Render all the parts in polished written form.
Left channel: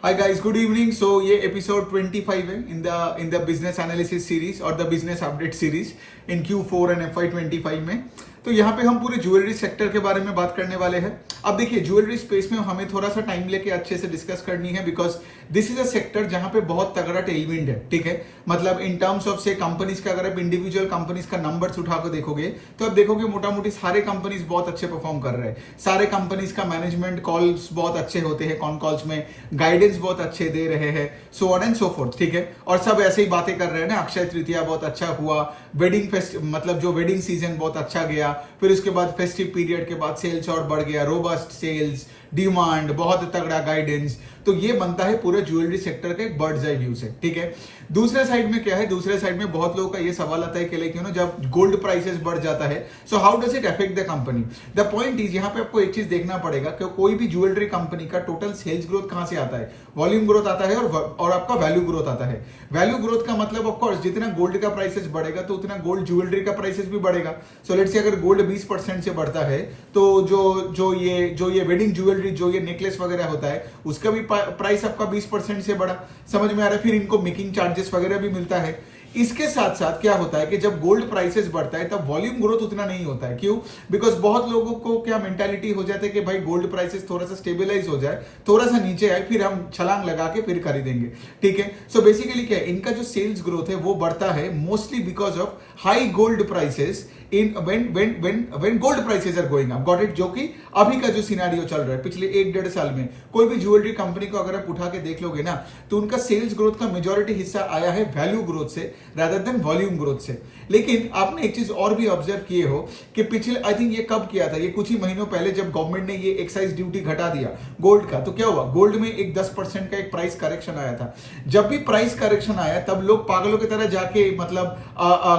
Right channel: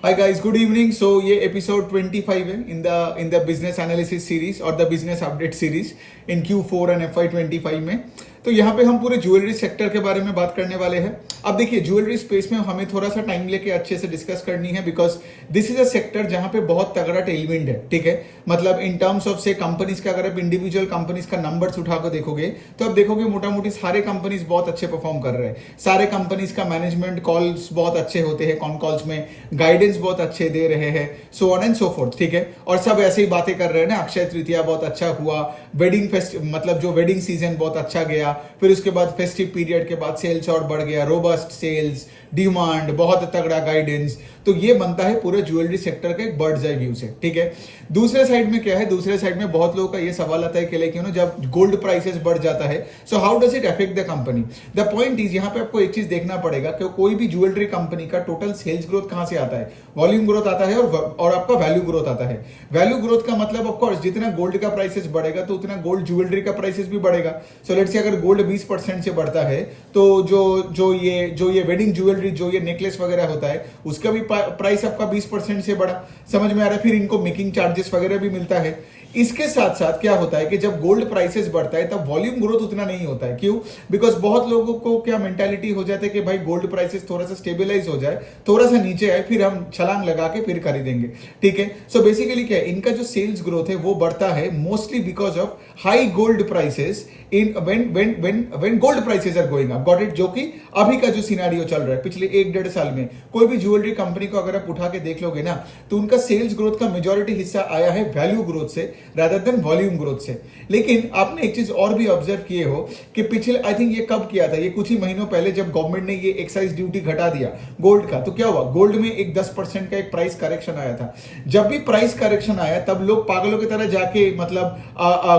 हाय guys, good evening. So ये episode 25 है in the business analysis series और the business update series in Q4 and FY25 में। तो यहाँ पे हम पूरे ज्वेलरी सेक्टर के बारे में बात करने वाले हैं। अब देखिए, ज्वेलरी स्पेस में हमें थोड़ा सा टाइम लेके अच्छे से डिस्कस करनी है, because this is a sector जहां पे बहुत तगड़ा टेलविंड है। ठीक है, मतलब इन टर्म्स ऑफ से कंपनीज का, अगर आप इंडिविजुअल कंपनीज का नंबर्स उठाकर देखोगे तो आप देखोगे मोटा मोटी सारे कंपनीज बहुत अच्छे परफॉर्म कर रहे हैं। सारे कंपनीज का मैनेजमेंट कॉल्स बहुत अच्छे होते हैं, कॉन कॉल्स में गाइडेंस बहुत अच्छे दे रहे हैं, सो ऑन एंड सो फोर्थ। ठीक है, और सब ऐसे ही बातें कर रहे हैं ना, अक्षय तृतीया बहुत अच्छा हुआ, वेडिंग फेस्ट मतलब जो वेडिंग सीजन बहुत अच्छा गया, फिर उसके बाद फेस्टिव पीरियड के बाद सेल्स और बढ़ गया, रोबस्ट सेल्स, डिमांड, बहुत तगड़ा गाइडेंस। तो ये बनता है पूरे ज्वेलरी सेक्टर के बर्ड्स आई व्यू से। ठीक है, दूसरे साइड में क्या है, दूसरे साइड में बहुत लोगों का ये सवाल आता है कि लेकिन जब गोल्ड प्राइसेस बढ़ जाता है, so how does it affect the company. The point is, यहाँ पे आपको एक चीज देखना पड़ेगा कि कोई भी ज्वेलरी कंपनी का टोटल सेल्स ग्रोथ कहां से आता है, वॉल्यूम ग्रोथ आता है और आपका वैल्यू ग्रोथ आता है। वैल्यू ग्रोथ का मतलब ऑफकोर्स जितना गोल्ड का प्राइसेस बढ़ेगा तो उतना गोल्ड ज्वेलरी का प्राइसेस भी बढ़ेगा। सो लेट्स से अगर गोल्ड 20% से बढ़ता है तो जो ये वेडिंग ज्वेलरी, जो ये नेकलेस वगैरह होता है, उसका भी प्राइस आपका 20% से बढ़ा। समझ में आ रहा है। फिर इनको मेकिंग चार्जेस वगैरह भी मिलता है। इसके साथ साथ क्या होता है कि जब गोल्ड प्राइसेस बढ़ता है तब वॉल्यूम ग्रोथ उतना नहीं होता है। क्यों? बिकॉज बहुत लोगों को क्या मेंटालिटी हो जाती है कि भाई गोल्ड प्राइसेस थोड़ा सा स्टेबलाइज हो जाए, थोड़ा सा नीचे आए, फिर हम छलांग लगा के फिर खरीदेंगे। ठीक है, सो बेसिकली क्या है, इनका जो सेल्स ग्रोथ है वो बढ़ता है mostly because of high gold prices in when gold prices are going up, got it? जो कि अभी का जो सिनारियो चल रहा है पिछले 1-1.5 साल में, कोई भी ज्वेलरी कंपनी को अगर आप उठा के देख लोगे ना, तो उनका सेल्स ग्रोथ का मेजॉरिटी हिस्सा आया है वैल्यू ग्रोथ से रादर देन वॉल्यूम ग्रोथ से। लेकिन आपने एक चीज और भी ऑब्जर्व किए हो कि पिछले, आई थिंक ये कब किया था, ये कुछ ही महीनों पहले जब गवर्नमेंट ने ये एक्साइज ड्यूटी घटा दिया गोल्ड का, तो क्या हुआ, गोल्ड में एक 10% का एक प्राइस करेक्शन आया था। जब भी प्राइस करेक्शन आया तब लोग पागलों की तरह जाके मतलब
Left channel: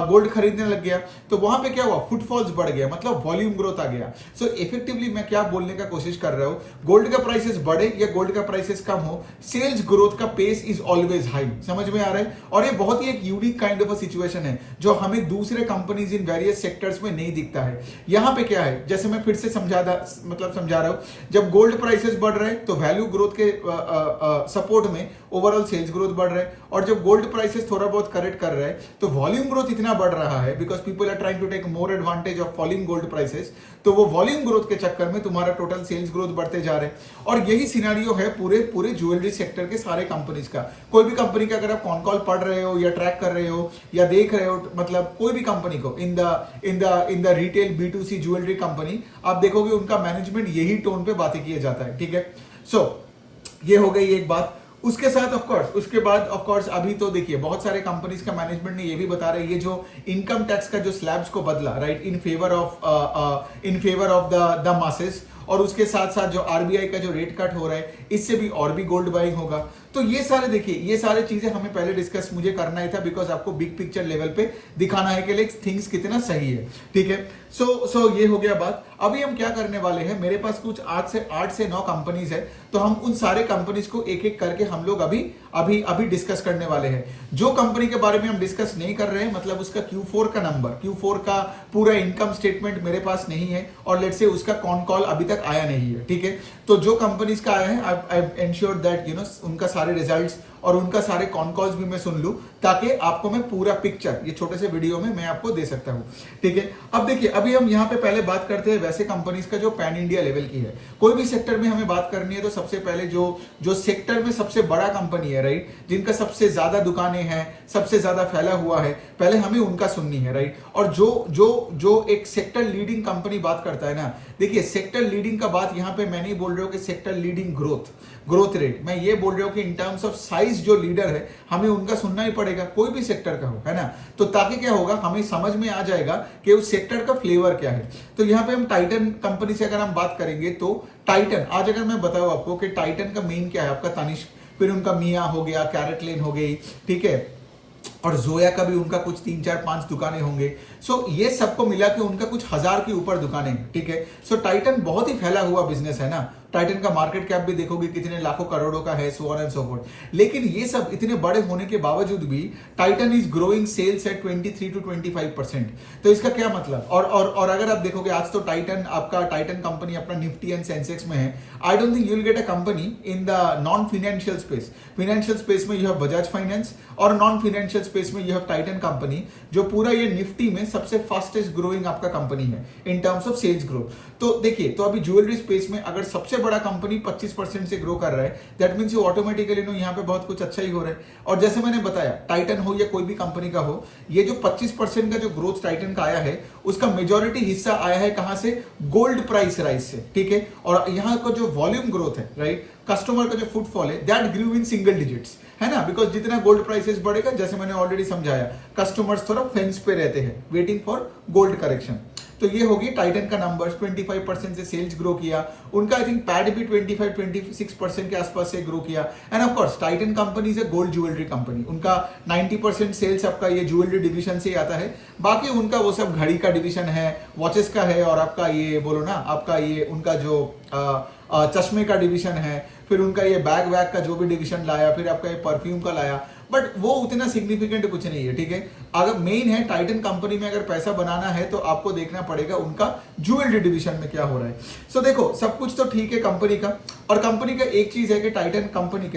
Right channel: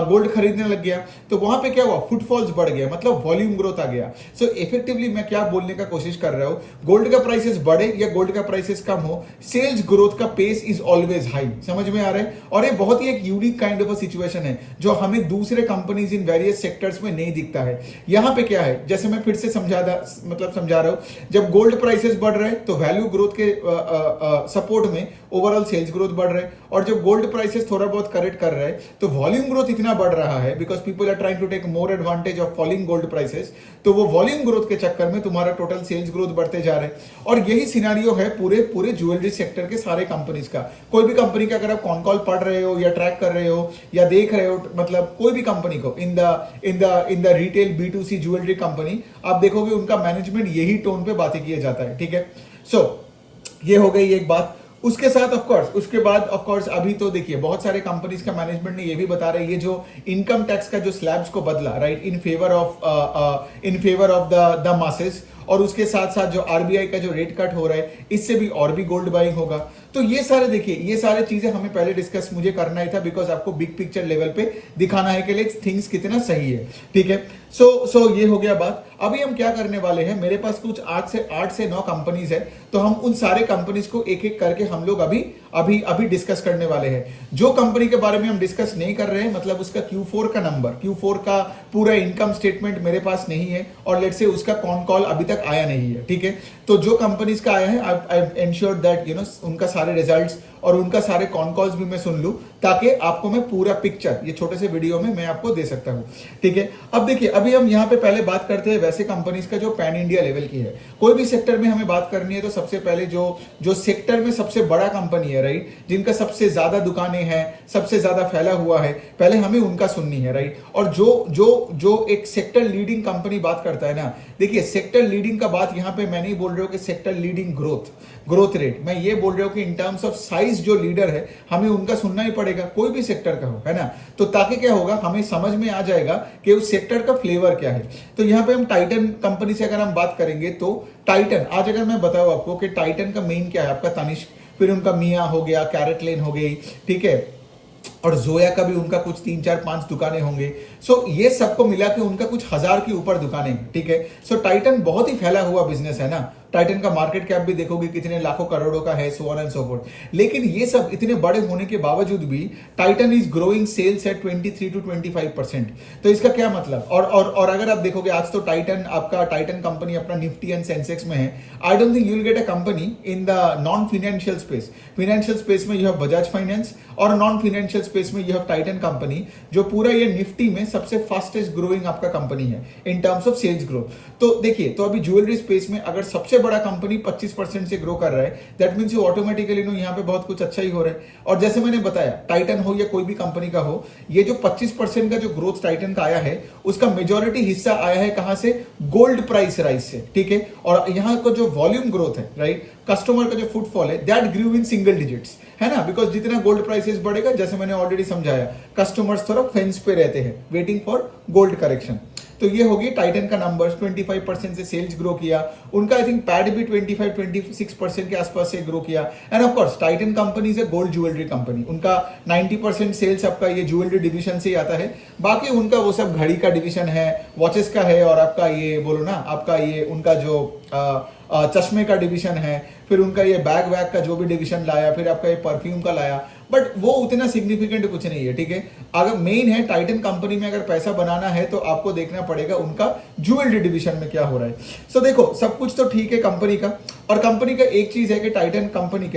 गोल्ड खरीदने लग गया। तो वहां पे क्या हुआ, फुटफॉल्स बढ़ गया, मतलब वॉल्यूम ग्रोथ आ गया। सो इफेक्टिवली मैं क्या बोलने का कोशिश कर रहा हूं, गोल्ड का प्राइसेस बढ़े या गोल्ड का प्राइसेस कम हो, सेल्स ग्रोथ का पेस इज ऑलवेज हाई। समझ में आ रहा है। और ये बहुत ही एक unique kind of a situation है जो हमें दूसरे कंपनीज इन वेरियस सेक्टर्स में नहीं दिखता है। यहां पे क्या है, जैसे मैं फिर से समझा रहा हूं, जब गोल्ड प्राइसेस बढ़ रहे हैं तो वैल्यू ग्रोथ के सपोर्ट में ओवरऑल सेल्स ग्रोथ बढ़ रहे हैं, और जब गोल्ड प्राइसेस थोड़ा बहुत करेक्ट कर रहे हैं तो वॉल्यूम ग्रोथ इतना बढ़ रहा है because people are trying to take more advantage of falling gold prices. तो वो वॉल्यूम ग्रोथ के चक्कर में तुम्हारा टोटल सेल्स ग्रोथ बढ़ते जा रहे हैं। और यही सिनारियो है पूरे ज्वेलरी सेक्टर के सारे कंपनीज का। कोई भी कंपनी का अगर आप कॉन कॉल पढ़ रहे हो या ट्रैक कर रहे हो या देख रहे हो, मतलब कोई भी कंपनी को in the retail B2C jewellery company, आप देखोगे उनका मैनेजमेंट यही टोन पे बातें किया जाता है। ठीक है, सो ये हो गई एक बात। उसके साथ उसके बाद ऑफकोर्स अभी तो देखिए बहुत सारे कंपनीज का मैनेजमेंट ने ये भी बता रहे हैं, ये जो इनकम टैक्स का जो स्लैब्स को बदला, right, in favour of the masses, और उसके साथ साथ जो RBI का जो रेट कट हो रहा है, इससे भी और भी गोल्ड बाइंग होगा। तो ये सारे देखिए, ये सारे चीजें हमें पहले डिस्कस मुझे करना ही था, बिकॉज आपको बिग पिक्चर लेवल पे दिखाना है कि लाइक थिंग्स कितना सही है। ठीक है, सो ये हो गया बात। अभी हम क्या करने वाले हैं, मेरे पास कुछ 8 से 9 कंपनीज है, तो हम उन सारे कंपनीज को एक एक करके हम लोग अभी डिस्कस करने वाले हैं। जो कंपनी के बारे में हम डिस्कस नहीं कर रहे हैं, मतलब उसका Q4 का नंबर, Q4 का पूरा इनकम स्टेटमेंट मेरे पास नहीं है, और लेट्स से उसका कॉन कॉल अभी तक आया नहीं है। ठीक है, तो जो कंपनीज का आया है, आई एंश्योर दैट उनका सारे रिजल्ट्स और उनका सारे कॉन कॉल्स भी मैं सुन लूं, ताकि आपको मैं पूरा पिक्चर ये छोटे से वीडियो में मैं आपको दे सकता हूं। ठीक है, अब देखिए, अभी हम यहां पे पहले बात करते हैं वैसे कंपनीज का जो पैन इंडिया लेवल की है। कोई भी सेक्टर में हमें बात करनी है तो सबसे पहले जो सेक्टर में सबसे बड़ा कंपनी है, राइट, जिनका सबसे ज्यादा दुकानें हैं, सबसे ज्यादा फैला हुआ है, पहले हमें उनका सुननी है, राइट। और जो एक सेक्टर लीडिंग कंपनी बात करता है ना, देखिए सेक्टर लीडिंग का बात यहां पे मैं नहीं बोल रहा हूं कि सेक्टर लीडिंग ग्रोथ रेट, मैं ये बोल रहा हूं कि इन टर्म्स ऑफ साइज जो लीडर है हमें उनका सुनना ही पड़ेगा, कोई भी सेक्टर का हो, है ना। तो ताकि क्या होगा, हमें समझ में आ जाएगा कि उस सेक्टर का फ्लेवर क्या है। तो यहां पे हम टाइटन कंपनी से अगर हम बात करेंगे तो टाइटन, आज अगर मैं बताऊं आपको कि टाइटन का मेन क्या है, आपका तनिष्क, फिर उनका मिया हो गया, कैरेट लेन हो गई, ठीक है, और जोया का भी उनका कुछ 3-4-5 दुकानें होंगे। सो ये सबको मिला के उनका कुछ 1000 के ऊपर दुकानें हैं। ठीक है, सो टाइटन बहुत ही फैला हुआ बिजनेस है ना, टाइटन का मार्केट कैप भी देखोगे कितने लाखों करोड़ों का है, so on and so forth. लेकिन ये सब इतने बड़े होने के बावजूद भी Titan is growing sales at 23 to 25%। तो इसका क्या मतलब, और अगर आप देखोगे आज तो टाइटन कंपनी अपना निफ्टी एंड सेंसेक्स में है। I don't think you will get a company in the non financial space. Financial space में यू हैव बजाज फाइनेंस और नॉन फाइनेंशियल स्पेस में यू हैव टाइटन कंपनी, जो पूरा ये निफ्टी में सबसे फास्टेस्ट ग्रोइंग आपका कंपनी है in terms of sales growth. तो देखिए, तो अभी ज्वेलरी स्पेस में अगर सबसे बड़ा कंपनी 25% से ग्रो कर रहा है, that means you automatically know यहाँ पे बहुत कुछ अच्छा ही हो रहा है। और जैसे मैंने बताया, टाइटन हो या कोई भी कंपनी का हो, ये जो 25% का जो ग्रोथ टाइटन का आया है, उसका मेजोरिटी हिस्सा आया है कहां से? गोल्ड प्राइस राइज से, ठीक है। और यहाँ का जो वॉल्यूम ग्रोथ है, राइट, कस्टमर का जो फुटफॉल है, that grew in single digits, है ना। बिकॉज जितना गोल्ड प्राइसेस बढ़ेगा, जैसे मैंने ऑलरेडी समझाया, कस्टमर्स थोड़ा फेंस पे रहते हैं, वेटिंग फॉर गोल्ड करेक्शन। तो ये होगी टाइटन का नंबर्स। 25% से सेल्स ग्रो किया उनका। आई थिंक पैड भी 25-26% के आसपास से ग्रो किया। And of course Titan company से गोल्ड ज्वेलरी कंपनी, उनका 90% सेल्स आपका ये ज्वेलरी डिवीजन से ही आता है। बाकी उनका वो सब घड़ी का डिवीजन है, वॉचेस का है, और आपका ये बोलो ना, आपका ये उनका जो चश्मे का डिवीजन है, फिर उनका ये बैग वैग का जो भी डिवीजन लाया, फिर आपका ये परफ्यूम का लाया, बट वो उतना सिग्निफिकेंट कुछ नहीं है, ठीक है। अगर मेन है टाइटन कंपनी में अगर पैसा बनाना है तो आपको देखना पड़ेगा उनका ज्वेलरी डिवीजन में क्या हो रहा है। सो देखो, सब कुछ तो ठीक है कंपनी का। और कंपनी का एक चीज है कि टाइटन कंपनी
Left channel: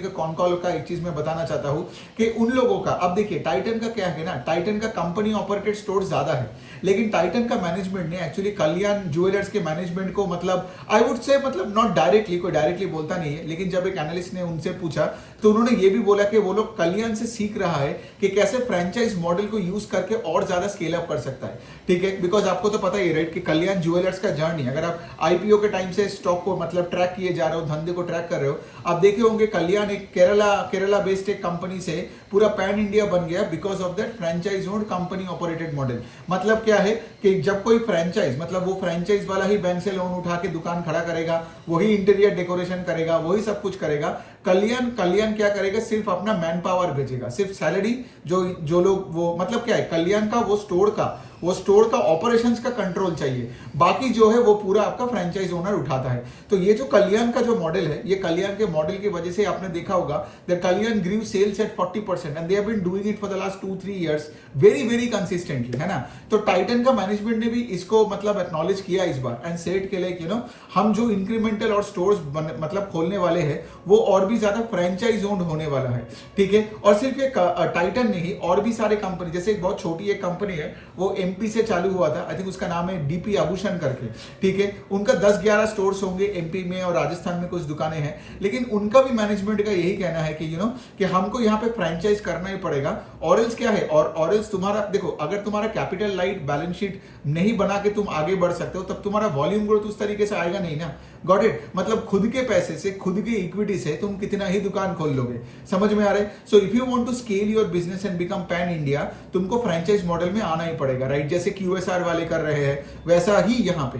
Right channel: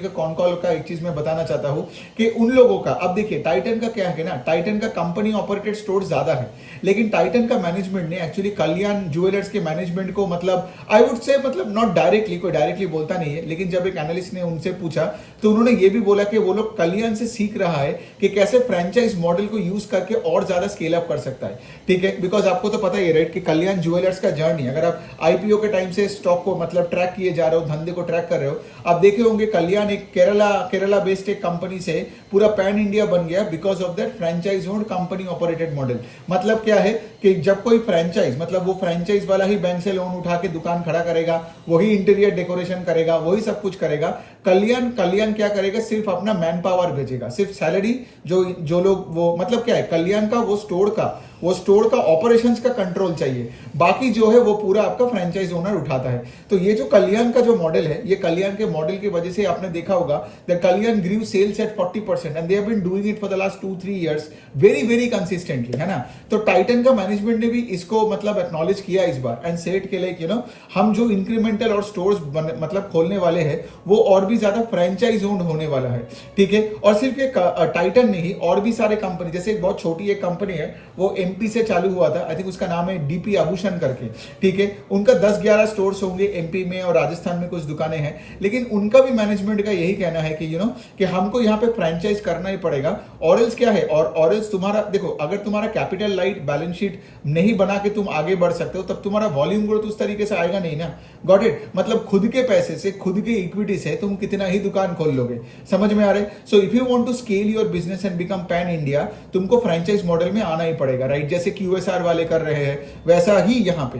का कॉन कॉल का एक चीज मैं बताना चाहता हूं कि उन लोगों का, अब देखिए टाइटन का क्या है ना, टाइटन का कंपनी ऑपरेटेड स्टोर ज्यादा है, लेकिन टाइटन का मैनेजमेंट ने एक्चुअली कल्याण ज्वेलर्स के मैनेजमेंट को, मतलब आई वुड से, मतलब नॉट डायरेक्टली, कोई डायरेक्टली बोलता नहीं है, लेकिन जब एक एनालिस्ट ने उनसे पूछा तो उन्होंने ये भी बोला कि वो लोग कल्याण से सीख रहा है कि कैसे फ्रेंचाइज मॉडल को यूज करके और ज्यादा स्केल अप कर सकता है, ठीक है। बिकॉज आपको तो पता ही है, राइट, कि कल्याण ज्वेलर्स का जर्नी, अगर आप आईपीओ के टाइम से स्टॉक को मतलब ट्रैक किए जा रहे हो, धंधे को ट्रैक कर रहे हो, आप देखे होंगे कल्याण एक केरला बेस्ड एक कंपनी से पूरा पैन इंडिया बन गया because of that franchise owned company operated model. मतलब क्या है कि जब कोई फ्रेंचाइज, मतलब वो फ्रेंचाइज वाला ही बैंक से लोन उठा के दुकान खड़ा करेगा, वही इंटीरियर डेकोरेशन करेगा, वही सब कुछ करेगा। कल्याण क्या करेगा? सिर्फ अपना मैन पावर भेजेगा, सिर्फ सैलरी, जो लोग, वो मतलब क्या है, कल्याण का वो स्टोर का ऑपरेशंस का कंट्रोल चाहिए, बाकी जो है वो पूरा आपका फ्रेंचाइज ओनर उठाता है। तो ये जो कल्याण का जो मॉडल है, ये कल्याण के मॉडल की वजह से आपने देखा होगा that Kalyan grew sales at 40% and they have been doing it for the last 2-3 years very consistently, है ना। तो टाइटन का मैनेजमेंट ने भी इसको मतलब एक्नॉलेज किया इस बार एंड सेड के लाइक, यू नो, हम जो इंक्रीमेंटल और स्टोर्स मतलब खोलने वाले हैं वो और भी ज्यादा फ्रेंचाइज ओन्ड होने वाला है, ठीक है। और सिर्फ एक टाइटन नहीं, और भी सारे कंपनी, जैसे एक बहुत छोटी एक कंपनी है, वो एमपी से चालू हुआ था, आई थिंक उसका नाम है डीपी आभूषण करके, ठीक है। उनका 10-11 स्टोर्स होंगे एमपी में, और राजस्थान में कुछ दुकानें हैं, लेकिन उनका भी मैनेजमेंट का यही कहना है कि यू नो, कि हमको यहाँ पे फ्रेंचाइज करना ही पड़ेगा। ऑरेंज क्या है, और ऑरेंज तुम्हारा, देखो, अगर तुम्हारा कैपिटल लाइट बैलेंस शीट नहीं बना के तुम आगे बढ़ सकते हो, तब तुम्हारा वॉल्यूम ग्रोथ उस तरीके से आएगा नहीं ना। Got it? मतलब खुद के पैसे से, खुद के इक्विटी से तुम कितना ही दुकान खोल लोगे, समझ में आ रहे? So if you want to scale your business and become pan India, तुमको फ्रेंचाइज मॉडल में आना ही पड़ेगा, राइट। जैसे क्यूएसआर वाले कर रहे हैं, वैसा ही यहाँ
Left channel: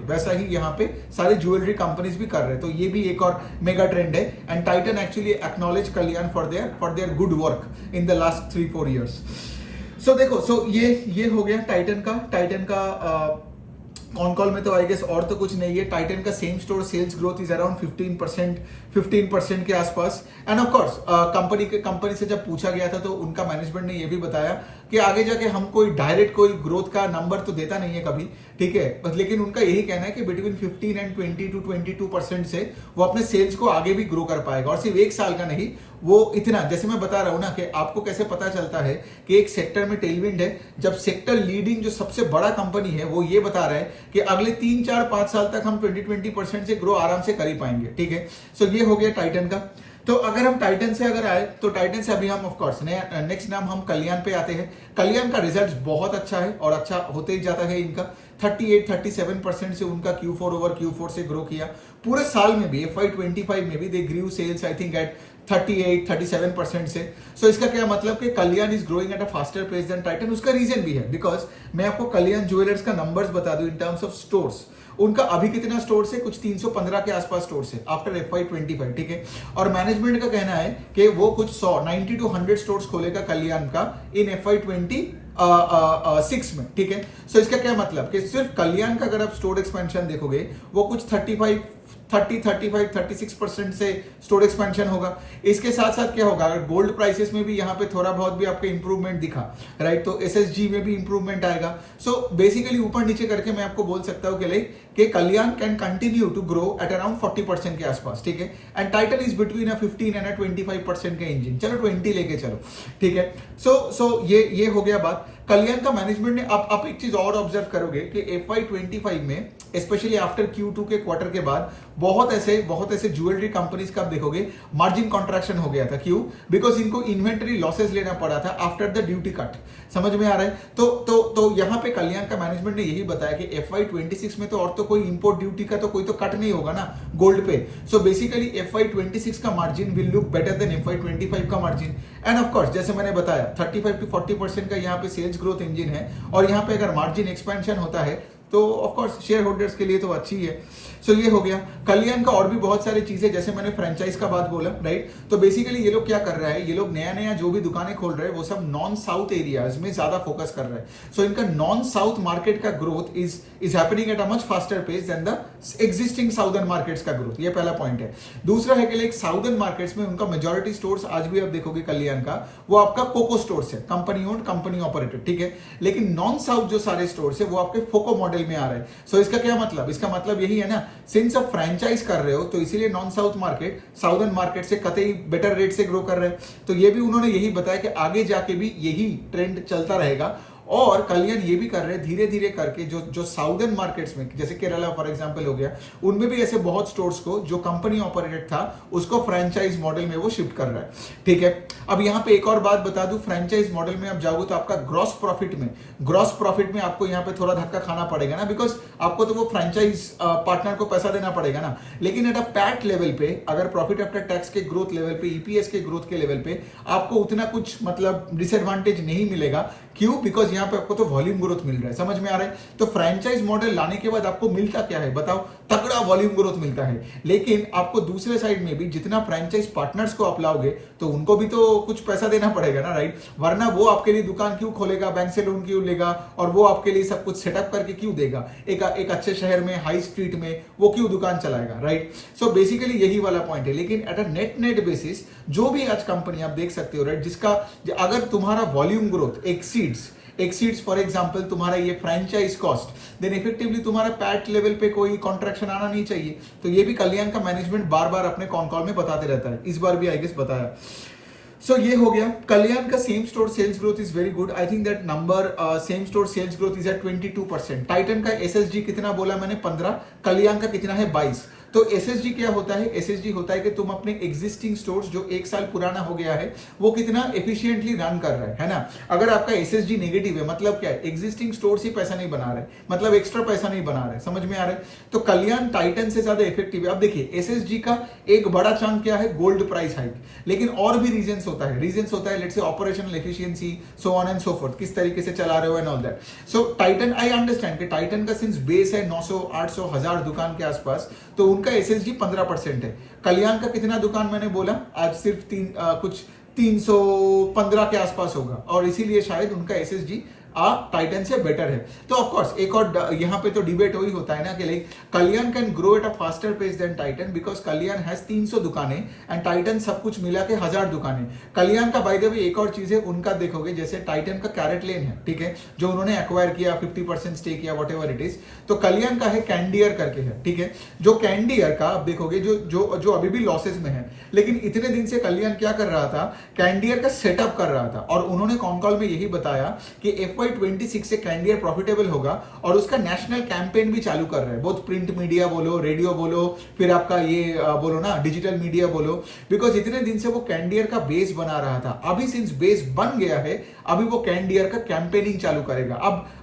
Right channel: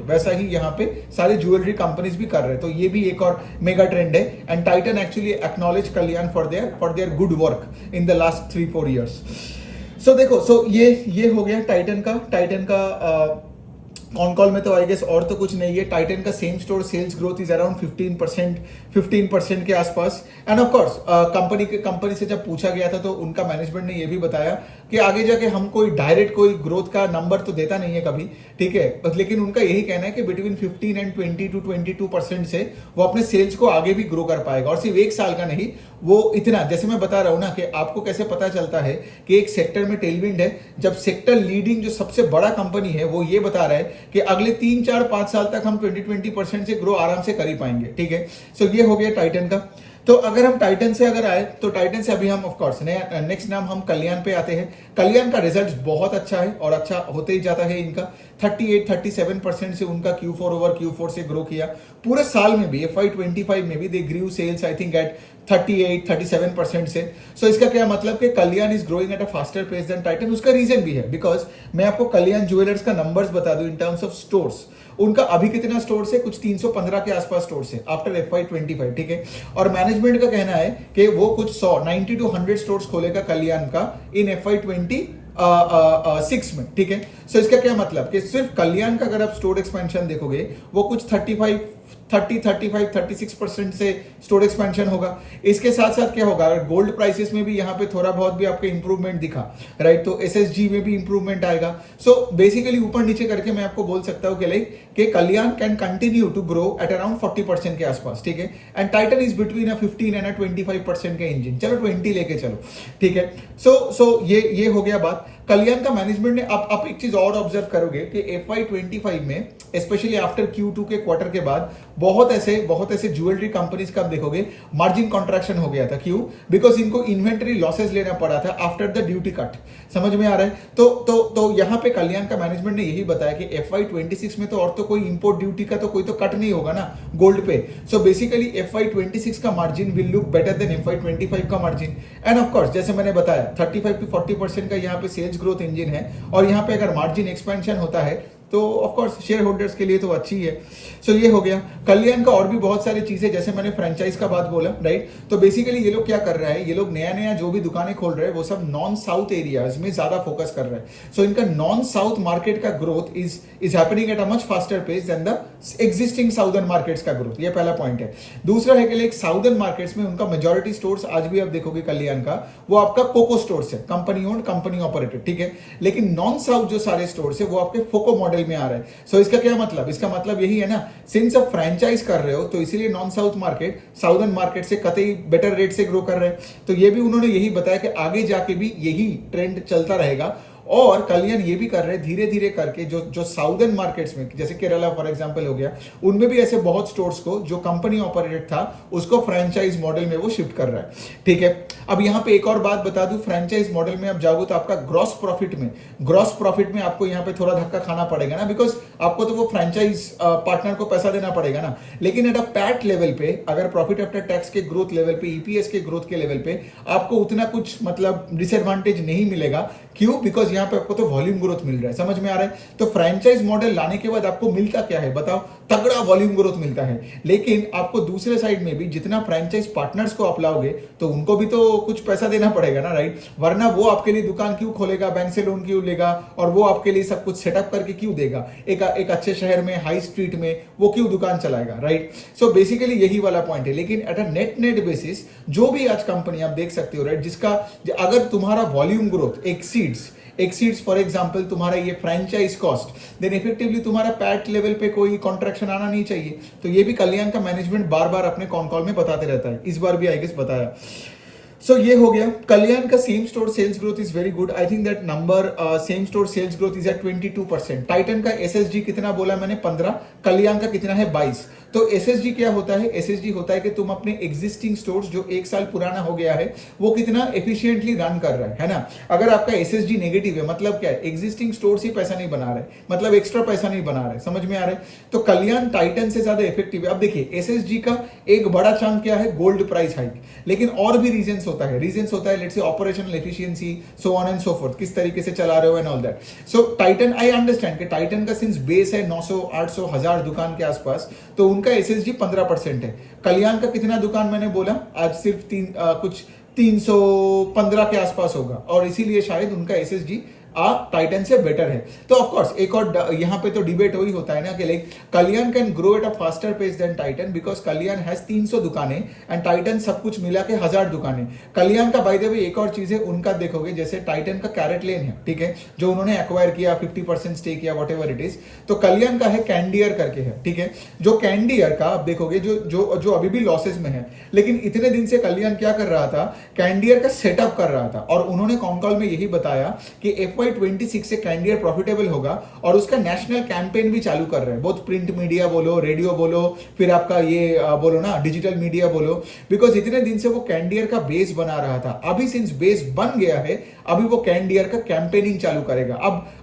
पे सारे ज्वेलरी कंपनीज भी कर रहे हैं। तो ये भी एक और मेगा ट्रेंड है, and Titan actually acknowledge Kalyan for their good work in the last 3-4 years. So देखो, ये हो गया टाइटन का ऑन कॉल में। तो आई गेस और तो कुछ नहीं है। टाइटन का same store sales growth is around 15% के आसपास। एंड ऑफ कोर्स कंपनी से जब पूछा गया था तो उनका मैनेजमेंट ने यह भी बताया कि आगे जाके हम कोई डायरेक्ट कोई ग्रोथ का नंबर तो देता नहीं है कभी, ठीक है, लेकिन उनका यही कहना है कि बिटवीन 15 एंड 20 to 22% से वो अपने सेल्स को आगे भी ग्रो कर पाएगा। और सिर्फ एक साल का नहीं, वो इतना, जैसे मैं बता रहा हूं ना कि आपको कैसे पता चलता है कि एक सेक्टर में टेलविंड है, जब सेक्टर लीडिंग जो सबसे बड़ा कंपनी है वो ये बता रहा है कि अगले 3, 4, 5 साल तक हम 20% से ग्रो आराम से कर ही पाएंगे, ठीक है। सो ये हो गया टाइटन का। तो अगर हम टाइटन से अगर आए तो टाइटन से अभी हम ऑफ कोर्स नेक्स्ट नाम हम कल्याण पे आते हैं। कल्याण का रिजल्ट बहुत अच्छा है और अच्छा होते ही जाता है इनका। 38-37% से उनका Q4 ओवर Q4 से ग्रो किया। पूरे साल में भी FY25 में भी they grew sales I think at 38-37% से। सो इसका क्या मतलब कि Kalyan is growing at a faster pace than Titan. उसका रीजन भी है, बिकॉज मैं आपको कल्याण ज्वेलर्स का नंबर्स बता दूं इन टर्म्स ऑफ स्टोर्स। उनका अभी कितना स्टोर है? कुछ 315 के आसपास स्टोर है आफ्टर FY25, ठीक है। और मैनेजमेंट का कहना है कि वो कुछ 90 to 100 स्टोर्स खोलेगा कल्याण का इन FY26 में, ठीक है। सो इसका क्या मतलब कि सिर्फ कल्याण का अगर आप स्टोर एक्सपेंशन देखोगे वो कुछ 30-35-36% से स्टोर एक्सपेंशन होगा। इसके साथ साथ क्या होगा, अगर गोल्ड प्राइसेस में भी यहाँ पे थोड़ा बहुत भी आपको इंप्रूवमेंट दिखा, राइट, तो एसएसजी में भी इंप्रूवमेंट आएगा। सो बेसिकली ऊपर नीचे करके मैं आपको बोल सकता हूँ कि Kalyan can continue to grow at around 40% के आसपास, ठीक है। And Titan is between 15 and 25% के इंजन, चलो 20 लेके चलो, ठीक है। सो ये हो गया बात। कल्याण का मैनेजमेंट ने आप एक चीज और ऑब्जर्व करोगे कि FY25 में स्पेशली आफ्टर Q2 के क्वार्टर के बाद बहुत ऐसे ज्वेलरी कंपनीज का आप देखोगे मार्जिन कॉन्ट्रैक्शन हो गया था। क्यों? बिकॉज इनको इन्वेंटरी लॉसेस लेना पड़ा था आफ्टर द ड्यूटी कट। समझ में आ रहा है? तो यहां पे कल्याण का मैनेजमेंट ने यही बताया कि FY26 में तो और तो कोई इंपोर्ट ड्यूटी का तो कोई तो कट नहीं होगा ना गोल्ड पे। सो बेसिकली FY26 का margin will look better than FY25 का मार्जिन। एंड ऑफ कोर्स जैसे मैंने बताया 35-40% का यहाँ पे सेल्स ग्रोथ इंजन है, और यहाँ पे अगर मार्जिन एक्सपेंशन होता है तो ऑफ कोर्स शेयर होल्डर्स के लिए तो अच्छी है। सो ये हो गया कल्याण का। और भी बहुत सारी चीजें, जैसे मैंने फ्रेंचाइज का बात बोला, राइट, तो बेसिकली ये लोग क्या कर रहा है, ये लोग नया जो भी दुकानें खोल रहे हैं वो सब नॉन साउथ एरियाज में ज्यादा फोकस कर रहे हैं। सो इनका नॉन साउथ मार्केट का growth is happening at a much faster pace than the existing southern markets का ग्रोथ। ये पहला पॉइंट है। दूसरा है कि साउदर्न मार्केट्स में उनका मेजोरिटी स्टोर्स आज भी आप देखोगे कल्याण का, वो आपका कोको स्टोर्स है, कंपनी ओन्ड, कंपनी ऑपरेटेड, ठीक है। लेकिन नॉन साउथ जो सारे स्टोर्स है वो आपके फोको मॉडल में आ रहे हैं। सो इसका क्या मतलब? इसका मतलब यही है ना, सिंस आप फ्रेंचाइज कर रहे हो तो इसीलिए non south market southern market से कतई बेटर रेट से ग्रो कर रहे हैं। तो ये भी उन्होंने यही बताया कि आगे जाके भी यही ट्रेंड चलता रहेगा। और कल्याण ये भी कर रहे हैं धीरे धीरे करके जो साउदर्न मार्केट्स में, जैसे केरला फॉर एग्जांपल हो गया, उनमें भी ऐसे बहुत स्टोर्स को जो कंपनी ऑपरेटेड था उसको फ्रेंचाइज मॉडल में वो शिफ्ट कर रहा है, ठीक है। अब यहाँ पे एक और बात बता दूं, फ्रेंचाइज मॉडल में आप जाओगे तो आपका ग्रॉस प्रॉफिट में आपको यहाँ पे थोड़ा धक्का खाना पड़ेगा ना, बिकॉज आपको तो वो फ्रेंचाइज पार्टनर को पैसा देना पड़ेगा ना। लेकिन एट अ पैट लेवल पे, अगर प्रॉफिट आफ्टर टैक्स के ग्रोथ लेवल पे, ईपीएस के ग्रोथ के लेवल पे आपको उतना कुछ मतलब डिसएडवांटेज नहीं मिलेगा। क्यों? बिकॉज यहाँ पे आपको तो वॉल्यूम ग्रोथ मिल रहा है। समझ में आ रहा है? तो फ्रेंचाइज मॉडल लाने के बाद आपको मिलता क्या है बताओ? तगड़ा वॉल्यूम ग्रोथ मिलता है। लेकिन आपको दूसरे साइड में भी जितना फ्रेंचाइज पार्टनर्स को आप लाओगे तो उनको भी तो कुछ पैसा देना पड़ेगा ना, राइट? वरना वो आपके लिए दुकान क्यों खोलेगा, बैंक से लोन क्यों लेगा, और वो आपके लिए सब कुछ सेटअप करके क्यों देगा? एक अच्छे शहर में, हाई स्ट्रीट में वो क्यों दुकान चलाएगा, राइट? सो बेसिकली यही वाला पॉइंट है। लेकिन एट अ नेट बेसिस जो भी आज कंपनी आप देख सकते हो, राइट, जिसका अगर तुम्हारा volume growth exceeds for example तुम्हारा ये फ्रेंचाइज कॉस्ट, देन इफेक्टिवली तुम्हारा पैट लेवल पे कोई कॉन्ट्रैक्शन आना नहीं चाहिए। तो ये भी कल्याण का मैनेजमेंट बार बार अपने कॉन कॉल में बताते रहता है, इस बार भी आई गेस बताया। सो ये हो गया कल्याण का same store sales growth is very good. I think that number same store sales growth is at 22%। Titan का एसएसजी कितना बोला मैंने? 15। कल्याण का कितना है? 22। तो एसएसजी क्या होता है? एसएसजी होता है कि तुम अपने एग्जिस्टिंग स्टोर्स जो 1 साल पुराना हो गया है वो कितना एफिशिएंटली रन कर रहा है ना। अगर आपका एसएसजी नेगेटिव है मतलब क्या है? एग्जिस्टिंग स्टोर्स ही पैसा नहीं बना रहे, मतलब एक्स्ट्रा पैसा नहीं बना रहे। समझ में आ रहा है? तो कल्याण टाइटन से ज्यादा इफेक्टिव है। अब देखिए एसएसजी का एक बड़ा चंक क्या है? Gold price hike. लेकिन और भी रीजंस होता है let's say operational efficiency, so on and so fourth, किस तरीके से चला रहे हो and all that. So Titan, I understand कि टाइटन का सिंस बेस है 900, 800, 1000 दुकान के आसपास, तो उनका एसएसजी 15% है। कल्याण का कितना दुकान मैंने बोला? आज सिर्फ कुछ 315 के आसपास होगा, और इसीलिए शायद उनका एसएसजी टाइटन से बेटर है। तो ऑफ कोर्स एक और यहाँ पे तो डिबेट वही होता है ना कि like Kalyan can grow at a faster pace than Titan, because Kalyan has 300 दुकानें एंड टाइटन सब कुछ मिला के 1000 दुकानें। कल्याण का बाय द वे एक और चीज है, उनका देखोगे जैसे टाइटन का कैरेट लेन है, ठीक है, जो उन्होंने एक्वायर किया 50% स्टेक किया, वॉट एवर इट इज। तो कल्याण का है कैंडियर करके है, ठीक है, जो कैंडियर का आप देखोगे जो अभी भी लॉसेस में है, लेकिन इतने दिन से कल्याण क्या कर रहा था? कैंडियर का सेटअप कर रहा था, और उन्होंने कॉन कॉल में यही बताया कि FY26 से कैंडियर प्रॉफिटेबल होगा, और उसका नेशनल कैंपेन भी चालू कर रहे हैं, बहुत प्रिंट मीडिया बोलो, रेडियो बोलो, फिर आपका ये बोलो ना डिजिटल मीडिया बोलो, बिकॉज इतने दिन से वो कैंडियर का बेस बना रहा था। अभी सिंस बेस बन गया है, अभी वो कैंडियर का कैंपेनिंग चालू करेगा।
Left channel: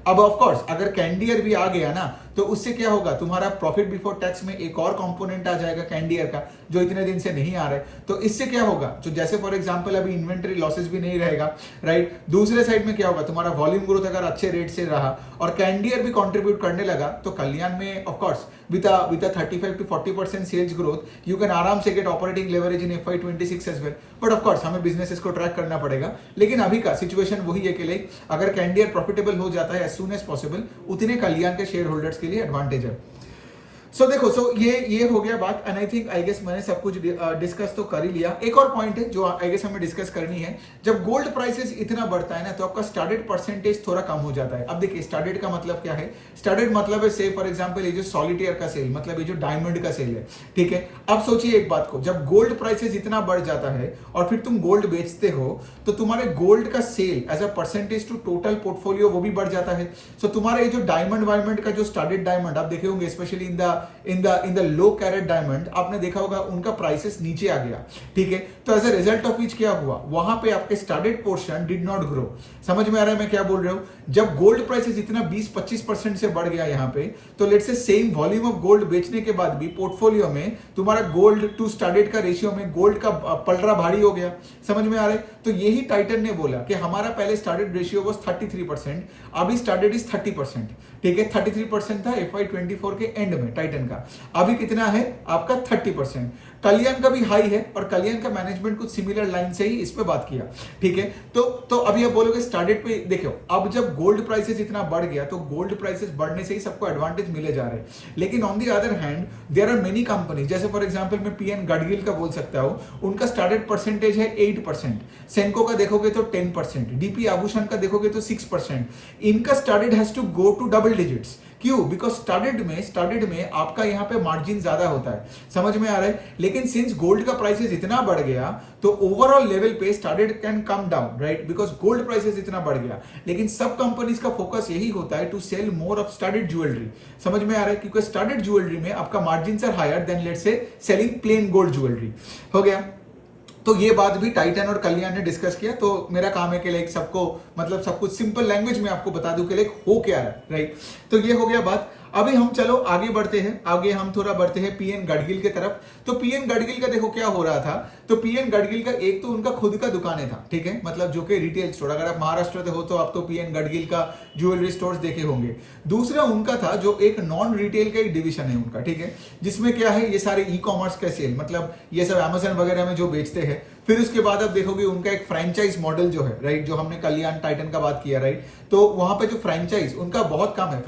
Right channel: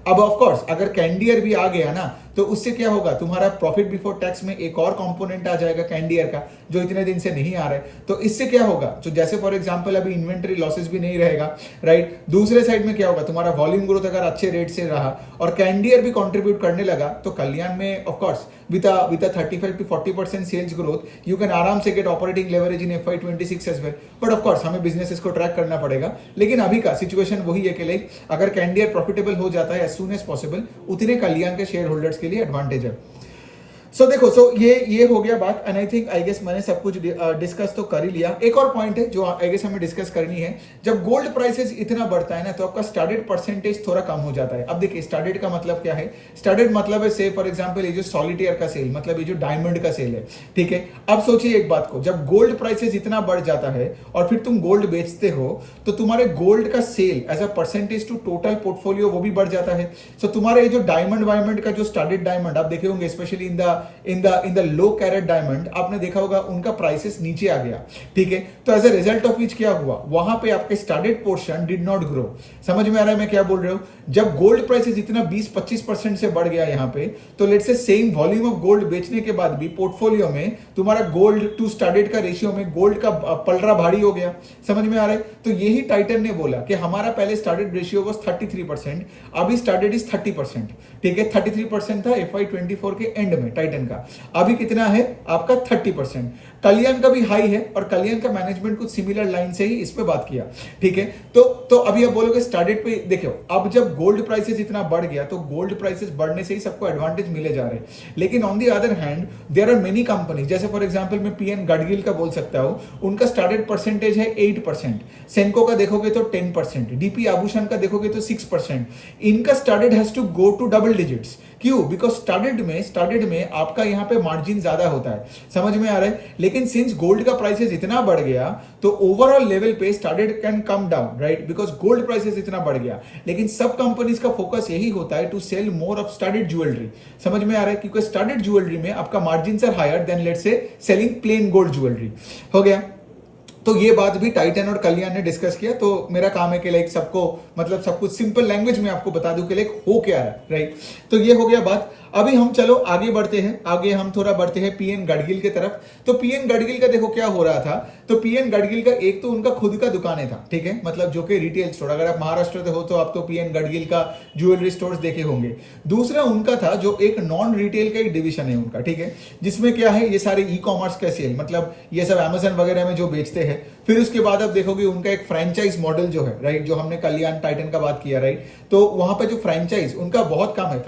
अब ऑफ कोर्स अगर कैंडियर भी आ गया ना, तो उससे क्या होगा? तुम्हारा प्रॉफिट बिफोर टैक्स में एक और कंपोनेंट आ जाएगा कैंडियर का, जो इतने दिन से नहीं आ रहा है। तो इससे क्या होगा? तो जैसे फॉर एग्जांपल अभी इन्वेंटरी लॉसेस भी नहीं रहेगा, राइट? दूसरे साइड में क्या होगा? तुम्हारा वॉल्यूम ग्रोथ अगर अच्छे रेट से रहा और कैंडियर भी कंट्रीब्यूट करने लगा, तो कल्याण में of course with a 35 to 40% sales growth, you can आराम से get operating leverage in FY26 as well. But of course हमें बिजनेसेस को ट्रैक करना पड़ेगा। लेकिन अभी का सिचुएशन वही है कि लाइक अगर कैंडियर प्रॉफिटेबल हो जाता है as soon as possible, उतने कल्याण के शेयर होल्डर्स के लिए एडवांटेज है। सो देखो, ये हो गया बात, and I think I guess मैंने सब कुछ डिस्कस तो कर ही लिया। एक और पॉइंट है जो आई गेस हमें डिस्कस करनी है, जब गोल्ड प्राइसेस इतना बढ़ता है ना तो आपका स्टार्टेड परसेंटेज थोड़ा कम हो जाता है। अब देखिए स्टार्टेड का मतलब क्या है, स्टार्टेड मतलब है से फॉर एग्जांपल ये जो सॉलिटेयर का सेल, मतलब ये जो डायमंड का सेल है, ठीक है। अब सोचिए एक बात को, जब गोल्ड प्राइसेस इतना बढ़ जाता है और फिर तुम गोल्ड बेचते हो तो तुम्हारे गोल्ड का sale as a percentage to total portfolio वो भी बढ़ जाता है। सो तुम्हारा ये जो डायमंड वायमंड का जो स्टार्टेड डायमंड आप देखे होंगे, specially in the low carat diamond, आपने देखा होगा उनका प्राइसेस नीचे आ गया, ठीक है। तो as a result of which क्या हुआ, वहां पे आपके studded portion did not grow. समझ में आ रहा है मैं क्या बोल रहा हूं? जब गोल्ड प्राइसेस इतना 20-25% से बढ़ गया यहां पे, तो let's say same volume of gold बेचने के बाद भी पोर्टफोलियो में तुम्हारा गोल्ड टू स्टार्टेड का रेशियो में गोल्ड का पलड़ा भारी हो गया। समझ में आ रहा है? तो यही टाइटन ने बोला कि हमारा पहले स्टार्टेड रेशियो वाज 33%, अभी स्टार्टेड इज 30%, ठीक है। 33% था FY24 के एंड में टाइटन का, अभी कितना है आपका 30%। कल्याण का भी हाई है और कल्याण का मैनेजमेंट कुछ सिमिलर लाइन से ही इस पे बात किया, ठीक है। तो अभी आप बोलोगे स्टार्टेड पे देखो, अब जब गोल्ड प्राइसेस इतना बढ़ गया तो गोल्ड प्राइसेस बढ़ने से ही सबको एडवांटेज मिले जा रहे हैं। लेकिन on the other hand there are many company, जैसे फॉर एग्जांपल मैं PN गडगिल का बोल सकता हूं, उनका स्टार्टेड परसेंटेज है 8%, सेंको का देखोगे तो 10%, डीपी आभूषण का देखोगे तो 6%। इनका studded has to go to double digits. क्यों? बिकॉज स्टार्टेड में आपका यहां पे मार्जिन ज्यादा होता है। समझ में आ रहा है? लेकिन सिंस गोल्ड का प्राइसेस इतना बढ़ गया तो ओवरऑल लेवल पे started can come down, right, because gold prices इतना बढ़ गया। लेकिन सब कंपनीज का फोकस यही होता है to sell more of studded jewellery. समझ में आ रहा है? क्योंकि स्टार्टेड ज्वेलरी में आपका margin are higher than let's say selling plain gold jewellery. हो गया। तो ये बात भी टाइटन और कल्याण ने डिस्कस किया। तो मेरा काम है कि लाइक सबको, मतलब सब कुछ सिंपल लैंग्वेज में आपको बता दूं कि लाइक हो क्या है, राइट। तो ये हो गया बात। अभी हम चलो आगे बढ़ते हैं, आगे हम थोड़ा बढ़ते हैं PN गडगिल की तरफ। तो PN गडगिल का देखो क्या हो रहा था। तो PN गडगिल का एक तो उनका खुद का दुकानें था, ठीक है, मतलब जो कि रिटेल स्टोर, अगर आप महाराष्ट्र से हो तो आप तो PN गडगिल का ज्वेलरी स्टोर्स देखे होंगे। दूसरा उनका था जो एक नॉन रिटेल का एक डिवीजन है उनका, ठीक है, जिसमें क्या है ये सारे ई-कॉमर्स का सेल, मतलब ये सब Amazon वगैरह में जो बेचते हैं। फिर उसके बाद आप देखोगे उनका एक फ्रेंचाइज मॉडल जो है, राइट, जो हमने कल्याण टाइटन का बात किया, राइट। तो वहां पे जो फ्रेंचाइज उनका बहुत कम है,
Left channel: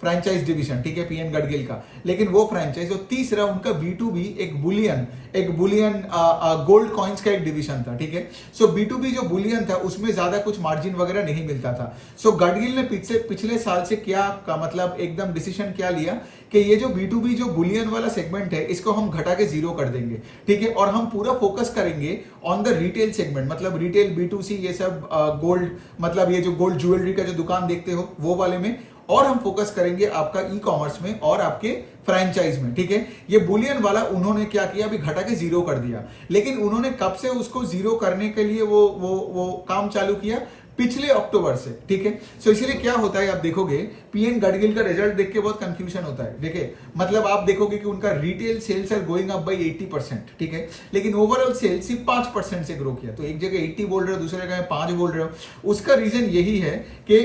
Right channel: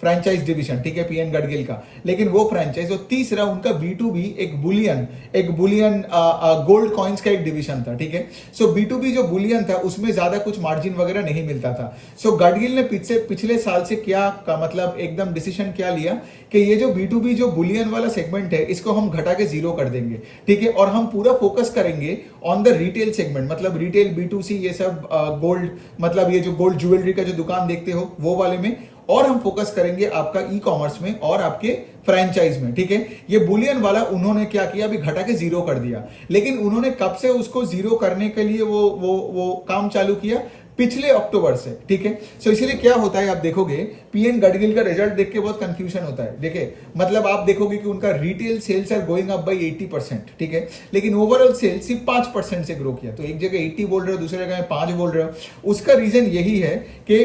फ्रेंचाइज डिवीजन, ठीक है, PN गडगिल का, लेकिन वो फ्रेंचाइज। और तीसरा उनका B2B एक बुलियन गोल्ड कॉइन्स का एक डिवीजन था, ठीक है। सो B2B जो बुलियन था उसमें ज्यादा कुछ मार्जिन वगैरह नहीं मिलता था। सो गडगिल ने पिछले साल से क्या का मतलब एकदम डिसीजन क्या लिया कि ये जो B2B जो बुलियन वाला सेगमेंट है इसको हम घटा के 0 कर देंगे, ठीक है, और हम पूरा फोकस करेंगे ऑन द रिटेल सेगमेंट, मतलब रिटेल B2C ये सब गोल्ड, मतलब ये जो गोल्ड ज्वेलरी का जो दुकान देखते हो वो वाले में, और हम फोकस करेंगे आपका ई-कॉमर्स में और आपके फ्रेंचाइज में, ठीक है। ये बुलियन वाला उन्होंने क्या किया, अभी घटा के 0 कर दिया। लेकिन उन्होंने कब से उसको 0 करने के लिए वो काम चालू किया? पिछले अक्टूबर से, ठीक है। सो इसीलिए क्या होता है, आप देखोगे PN गडगिल का रिजल्ट देख के बहुत कंफ्यूजन होता है। देखिए मतलब आप देखोगे कि उनका retail sales are going up by 80%, ठीक है, लेकिन ओवरऑल सेल्स सिर्फ 5% से ग्रो किया। तो एक जगह 80 बोल रहे हो, दूसरी जगह 5 बोल रहे हो। उसका रीजन यही है कि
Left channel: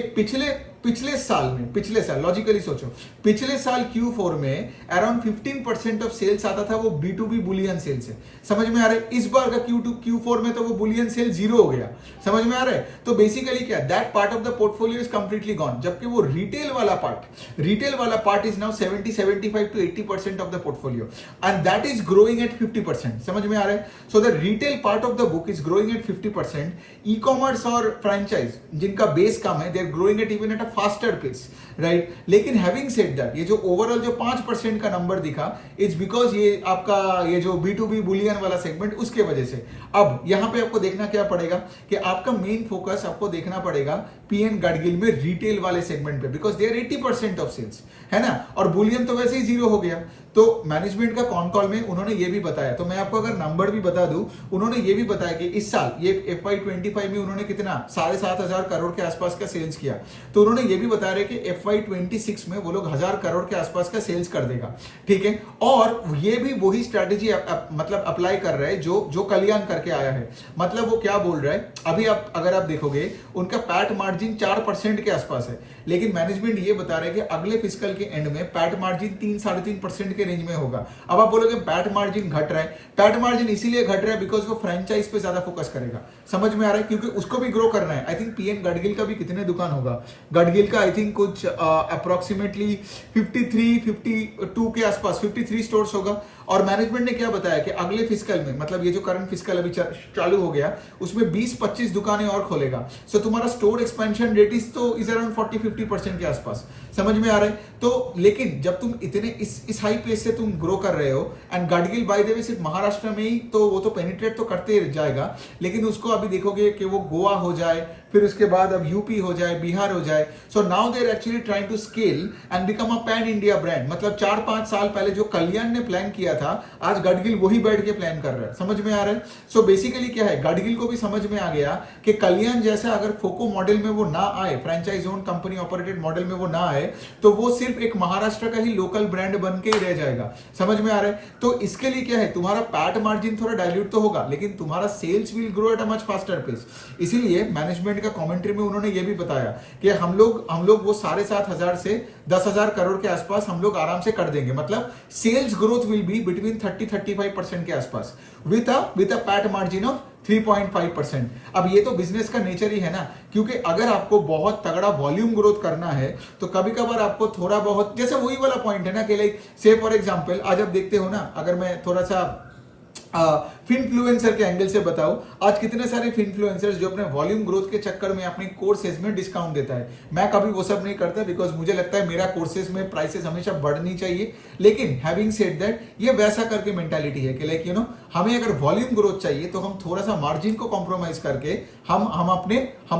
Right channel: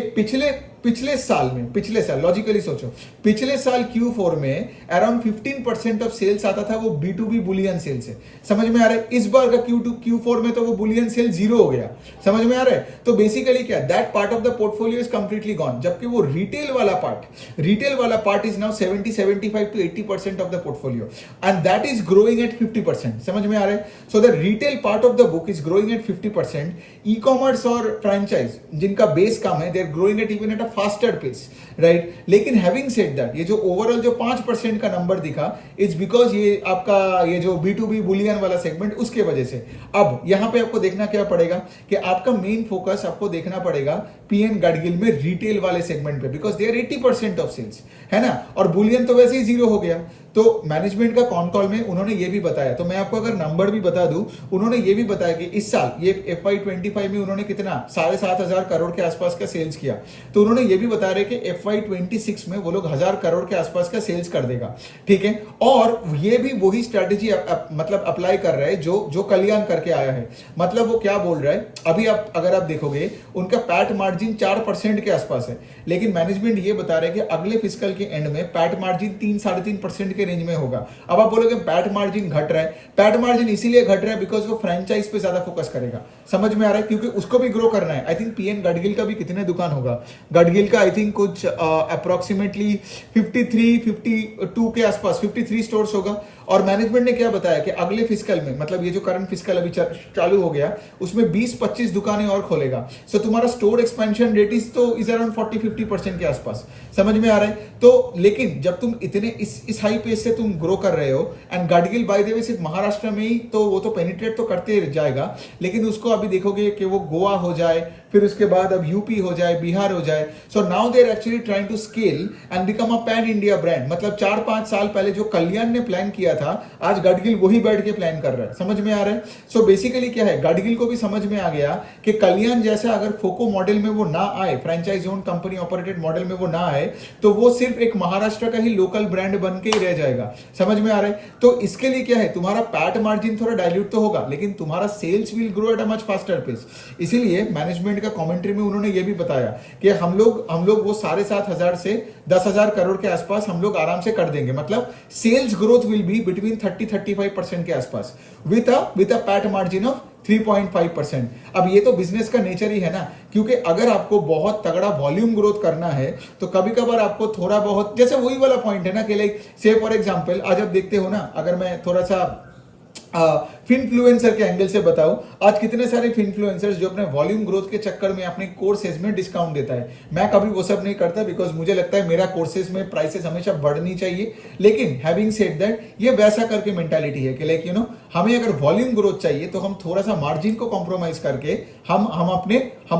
पिछले साल लॉजिकली सोचो, पिछले साल Q4 में अराउंड 15% ऑफ सेल्स आता था वो B2B बुलियन सेल से। समझ में आ रहा है? इस बार का Q4 में तो वो बुलियन सेल 0 हो गया। समझ में आ रहा है? तो बेसिकली क्या, that part of the portfolio is completely gone, जबकि वो रिटेल वाला part is now 75 to 80% of the portfolio, and that is growing at 50%। समझ में आ रहा है? So the retail part of the book is growing at 50%। E-commerce और franchise जिनका बेस कम है, they are growing at even at faster pace, right. लेकिन हैविंग सेड दैट, ये जो ओवरऑल जो 5% का नंबर दिखा, इट्स बिकॉज ये आपका ये जो B2B बुलियन वाला सेगमेंट उसके वजह से। अब यहां पे आपको देखना क्या पड़ेगा कि आपका मेन फोकस आपको देखना पड़ेगा PN गडगिल में रिटेल वाले सेगमेंट पे, because they are 80% of sales, है ना, और बुलियन तो वैसे ही 0 हो गया। तो मैनेजमेंट का कॉल में उन्होंने ये भी बताया, तो मैं आपको अगर नंबर भी बता दूं, उन्होंने ये भी बताया कि इस साल ये FY25 में उन्होंने कितना 7,500 करोड़ के आसपास का सेल्स किया। तो उन्होंने ये भी बता रहे कि FY26 में वो लोग 1,000 करोड़ के आसपास का सेल्स कर देगा, ठीक है। और ये भी वही स्ट्रेटेजी मतलब अप्लाई कर रहा है जो कल्याण करके आया है। मतलब वो क्या बोल रहा है, अभी आप अगर आप देखोगे उनका पैट मार्जिन 4% के आसपास है, लेकिन मैनेजमेंट ये बता रहा है कि अगले फिस्कल के एंड में पैट मार्जिन 3-3.5% के रेंज में होगा। अब आप बोलोगे पैट मार्जिन घट रहा है, पैट मार्जिन इसीलिए घट रहा है बिकॉज वो फ्रेंचाइज पे ज्यादा फोकस करेगा। समझ में आ रहा है, क्योंकि उसको भी ग्रो करना है। आई थिंक पीएन गडगिल का भी कितने दुकान होगा, गडगिल का आई थिंक कुछ अप्रोक्सीमेटली 52 के आसपास 53 स्टोर्स होगा। और मैनेजमेंट ने क्या बताया कि अगले फिस्कल में, मतलब ये जो करंट फिस्कल अभी चालू हो गया, उसमें 20-25 दुकानें और खोलेगा। सो तुम्हारा store expansion rate is around 40-50% के आसपास। समझ में आ रहा है। तो लेकिन जब तुम इतने इस हाई पेस से तुम ग्रो कर रहे हो, and Gadgil by the way सिर्फ महाराष्ट्र में ही, तो वो तो पेनिट्रेट तो करते जाएगा, लेकिन उसको अभी देखोगे कि वो गोवा हो जाए, फिर उसके बाद अब यूपी हो जाए, बिहार हो जाए। So now they are actually trying to scale and become a pan India brand. मतलब 4-5 साल पहले जो कल्याण ने प्लान किया था, आज गडगिल वही बैठ के प्लान कर रहा है। समझ में आ रहा है। सो बेसिकली क्या है, गडगिल को भी समझ में आ गया कि कल्याण जैसा अगर फोको मॉडल में वो ना आए, franchise own company operated model में वो ना आए, तो वो सिर्फ एक महाराष्ट्र का ही लोकल ब्रांड बन के ही रह जाएगा। समझ में आ रहा है। तो इसके लिए क्या है, तुम्हारा पैट मार्जिन थोड़ा डाइल्यूट तो होगा, लेकिन तुम्हारा sales will grow at a much faster pace. इसीलिए मैनेजमेंट का कमेंट्री में उन्होंने ये भी बताया कि हम लोग वो 7,500 से 10,000 करोड़ के आसपास हम लोग आराम से कर देंगे। मतलब sales growth will be between 30-35% के आसपास with a PAT margin of 3.5%। अब ये तो बिजनेस का नेचर ही है ना, क्योंकि अगर आपको बहुत तगड़ा वॉल्यूम ग्रोथ करना है तो कभी कभार आपको थोड़ा बहुत, जैसे वही वाला पॉइंट है ना कि लाइक से फॉर एग्जांपल आज आप देखते हो ना, अगर मैं थोड़ा सा फिनफ्लुएंसर के एंगल से बताऊं, आज कितने सारे फिनफ्लुएंसर्स जो अपने वॉल्यूम ग्रोथ के चक्कर में अपने कोर्सेज में डिस्काउंट देता है। मैं कभी वो सब नहीं करता, बिकॉज मुझे लगता है मेरा कोर्सेज में प्राइसेस हमेशा बढ़नी चाहिए। लेकिन हैविंग सेड दैट, ये वैसा करके मेंटालिटी है कि लाइक यू नो, हमें अगर वॉल्यूम ग्रोथ चाहिए तो हम थोड़ा सा मार्जिन को कॉम्प्रोमाइज करके हम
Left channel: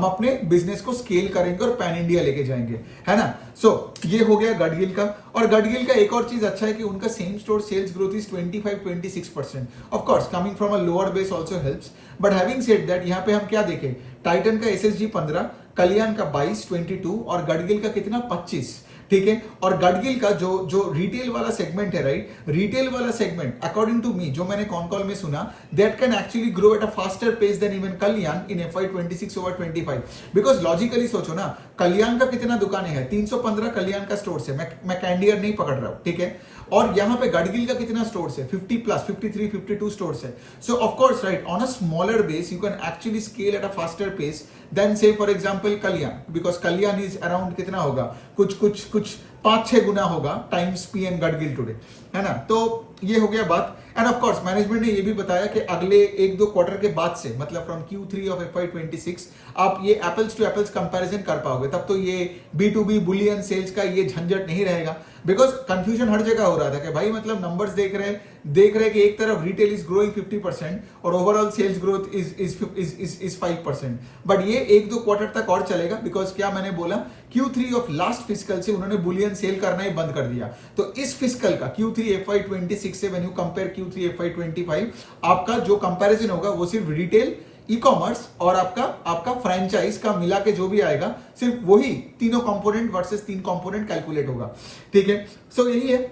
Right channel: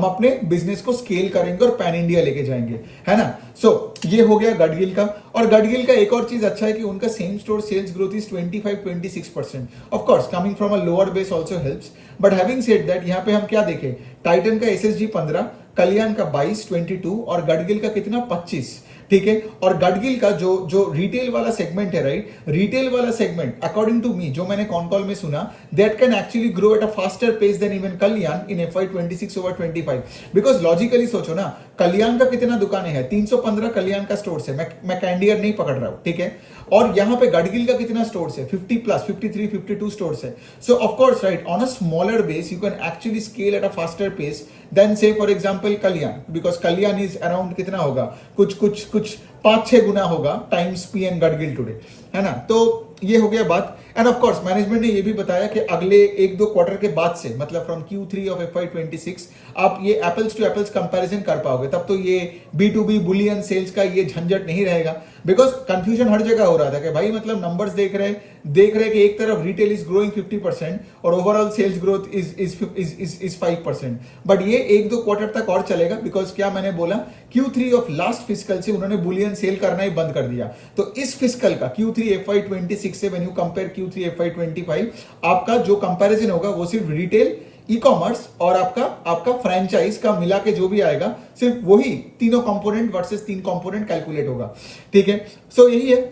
अपने बिजनेस को स्केल करेंगे और पैन इंडिया लेके जाएंगे, है ना। सो ये हो गया गडगिल का। और गडगिल का एक और चीज अच्छा है कि उनका same store sales growth is 25-26%। Of course coming from a lower base also helps, but having said that, यहाँ पे हम क्या देखें, टाइटन का एसएसजी 15, कल्याण का 22 और गडगिल का कितना 25। ठीक है। और गडगिल का जो रिटेल वाला सेगमेंट है, राइट, रिटेल वाला सेगमेंट अकॉर्डिंग टू मी, जो मैंने कॉन कॉल में सुना, that can actually grow at a faster pace than even Kalyan in FY26 over 25। Because logically सोचो ना, कल्याण का कितना दुकानें हैं, 315 कल्याण का स्टोर है, मैं कैंडियर नहीं पकड़ रहा हूं, ठीक है। और यहां पे गडगिल का कितना स्टोर्स है, 50+, 53-52 स्टोर्स है। So of course right, on a smaller base you can actually scale at a faster pace than say for example Kalyan, because Kalyan is around कितना होगा, कुछ 5-6 गुना होगा टाइम्स पीएन गडगिल टुडे, है ना। तो ये हो गया बात। एंड ऑफ कोर्स मैनेजमेंट ने ये भी बताया कि अगले 1-2 क्वार्टर के बाद से, मतलब फ्रॉम Q3 ऑफ FY26 आप ये एप्पल्स टू एप्पल्स कंपैरिजन कर पाओगे, तब तो ये B2B बुलियन सेल्स का ये झंझट नहीं रहेगा। बिकॉज कंफ्यूजन हर जगह हो रहा था कि भाई मतलब नंबर्स देख रहे कि एक तरफ रिटेल इज ग्रोइंग 50% और overall sales growth is 5%। But ये 1-2 क्वार्टर तक और चलेगा, बिकॉज क्या मैंने बोला, Q3 ऑफ लास्ट फिस्कल से उन्होंने बुलियन सेल करना ही बंद कर दिया। तो इस फिस्कल का Q3 FY26 से when you compare Q3 FY25, आपका जो कंपैरिजन होगा वो सिर्फ रिटेल, ई कॉमर्स और आपका फ्रेंचाइज का मिला के जो भी आएगा, सिर्फ वही तीनों कंपोनेंट वर्सेस 3 कंपोनेंट कैलकुलेट होगा। ठीक है। सो यही है,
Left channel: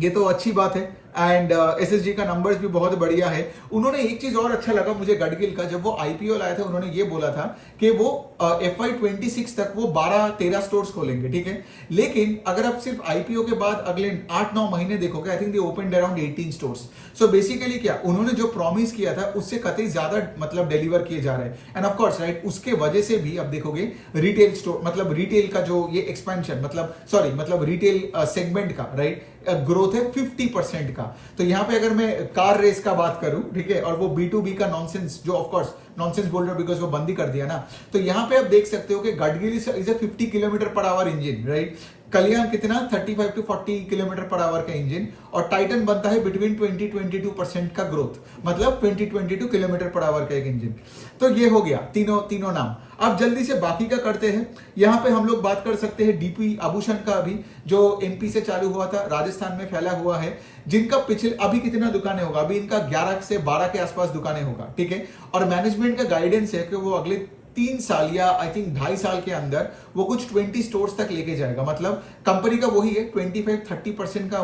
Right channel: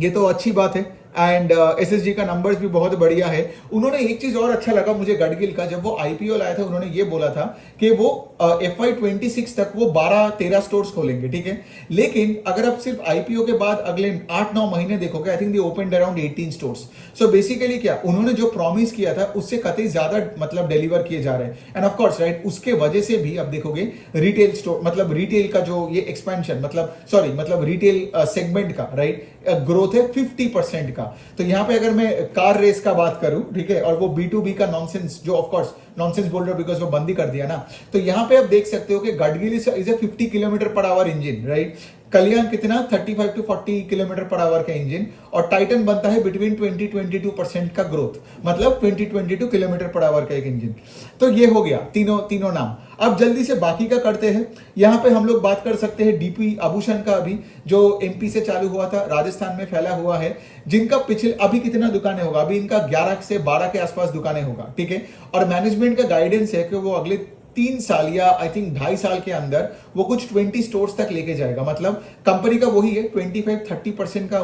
ये तो अच्छी बात है। एंड एसएसजी का नंबर्स भी बहुत बढ़िया है। उन्होंने एक चीज और अच्छा लगा मुझे गडगिल का, जब वो आईपीओ लाए थे उन्होंने ये बोला था कि वो FY26 तक वो 12-13 स्टोर्स खोलेंगे, ठीक है। लेकिन अगर आप सिर्फ आईपीओ के बाद अगले 8-9 महीने देखोगे, I think they opened around 18 stores. So basically क्या उन्होंने जो प्रॉमिस किया था उससे कतई ज्यादा मतलब डिलीवर किए जा रहे हैं। एंड ऑफ कोर्स राइट, उसके वजह से भी अब देखोगे रिटेल स्टोर, मतलब रिटेल का जो ये एक्सपेंशन, मतलब रिटेल सेगमेंट का राइट ग्रोथ है 50% का। तो यहां पे अगर मैं कार रेस का बात करूं, ठीक है, और वो B2B का नॉनसेंस, जो ऑफ कोर्स नॉनसेंस बोल रहे हो बिकॉज वो बंद ही कर दिया ना, तो यहां पे आप देख सकते हो कि Gadgil is a 50 kilometre per hour engine, right. Kalyan कितना 35-40 किलोमीटर पर आवर का इंजन, और टाइटन बनता है बिटवीन 20-22% का ग्रोथ, मतलब 20-22 किलोमीटर पर आवर का एक इंजन। तो ये हो गया तीनों नाम। अब जल्दी से बाकी का करते हैं। यहाँ पे हम लोग बात कर सकते हैं डीपी आभूषण का, अभी जो एमपी से चालू हुआ था, राजस्थान में फैला हुआ है, जिनका पिछले अभी कितना दुकानें होगा, अभी इनका 11 से 12 के आसपास दुकानें होगा, ठीक है। और मैनेजमेंट का गाइडेंस है कि वो अगले 3 साल या आई थिंक 2.5 साल के अंदर वो कुछ 20 स्टोर्स तक लेके जाएगा। मतलब कंपनी का वही है 25-30% का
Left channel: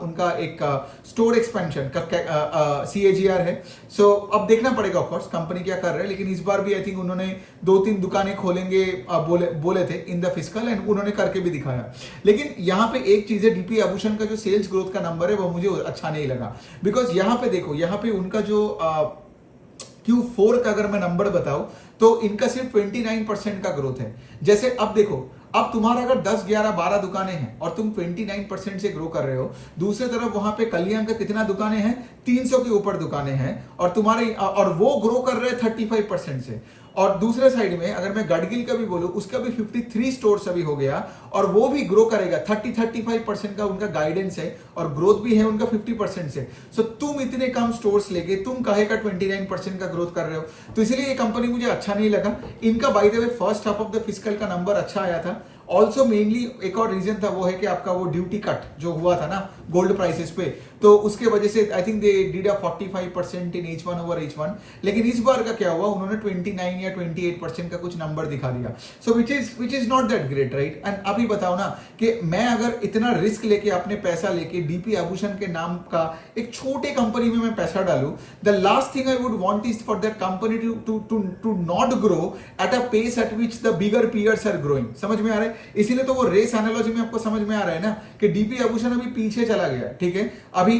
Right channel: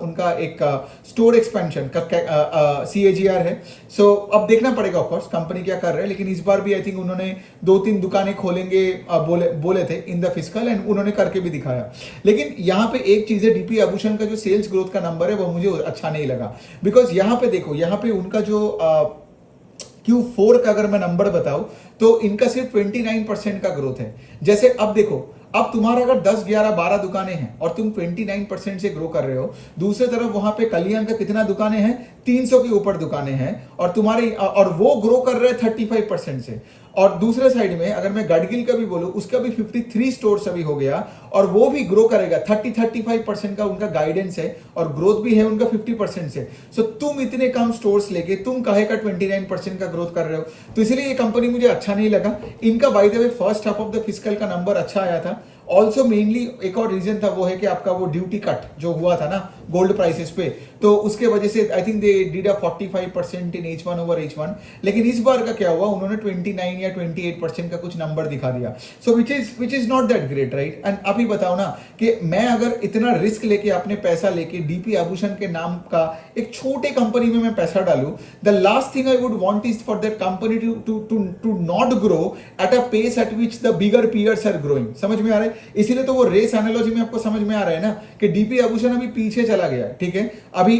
उनका एक स्टोर एक्सपेंशन का CAGR है। सो अब देखना पड़ेगा ऑफकोर्स कंपनी क्या कर रहा है, लेकिन इस बार भी आई थिंक उन्होंने 2-3 दुकानें खोलेंगे बोले थे इन द फिस्कल, एंड उन्होंने करके भी दिखाया। लेकिन यहाँ पे एक चीज है, डीपी आभूषण का जो सेल्स ग्रोथ का नंबर है वो मुझे अच्छा नहीं लगा, बिकॉज यहाँ पे देखो, यहाँ पे उनका जो Q4 का अगर मैं नंबर बताऊं तो इनका सिर्फ 29% का ग्रोथ है। जैसे अब देखो, अब तुम्हारा अगर 10, 11, 12 दुकानें हैं और तुम 29% से ग्रो कर रहे हो, दूसरी तरफ वहां पे कल्याण का कितना दुकानें हैं, 300 के ऊपर दुकानें हैं, और वो ग्रो कर रहे हैं 35% से। और दूसरे साइड में अगर मैं गडगिल का भी बोलूं, उसका भी 53 स्टोर्स अभी हो गया और वो भी ग्रो करेगा, 30-35% का उनका गाइडेंस है और ग्रोथ भी है उनका 50% से। सो तुम इतने कम स्टोर्स लेके तुम काहे का 29% का ग्रोथ कर रहे हो? तो इसलिए ये कंपनी मुझे अच्छा नहीं लगा। इनका by the way first half of the fiscal का नंबर अच्छा आया था। ऑल्सो मेनली एक और रीजन था, वो है कि आपका वो ड्यूटी कट जो हुआ था ना गोल्ड प्राइसेस पे, तो उसके वजह से I think they did a 45% in H1 over H1। लेकिन इस बार का क्या हुआ, उन्होंने 29 या 28% का कुछ नंबर दिखा दिया। So which is not that great, right? And अभी बताओ ना कि मैं अगर इतना रिस्क लेके अपने पैसा लेके डीपी आभूषण के नाम का एक छोटे कंपनी में मैं पैसा डालूं, the last thing I would want is for that company to not grow at a pace at which the bigger peers are growing. समझ में आ रहा है? इसीलिए तो वो रेस एनालॉजी में आपको समझ में आ रहा है ना कि डीपी आभूषण अभी पीछे चला गया है, ठीक है?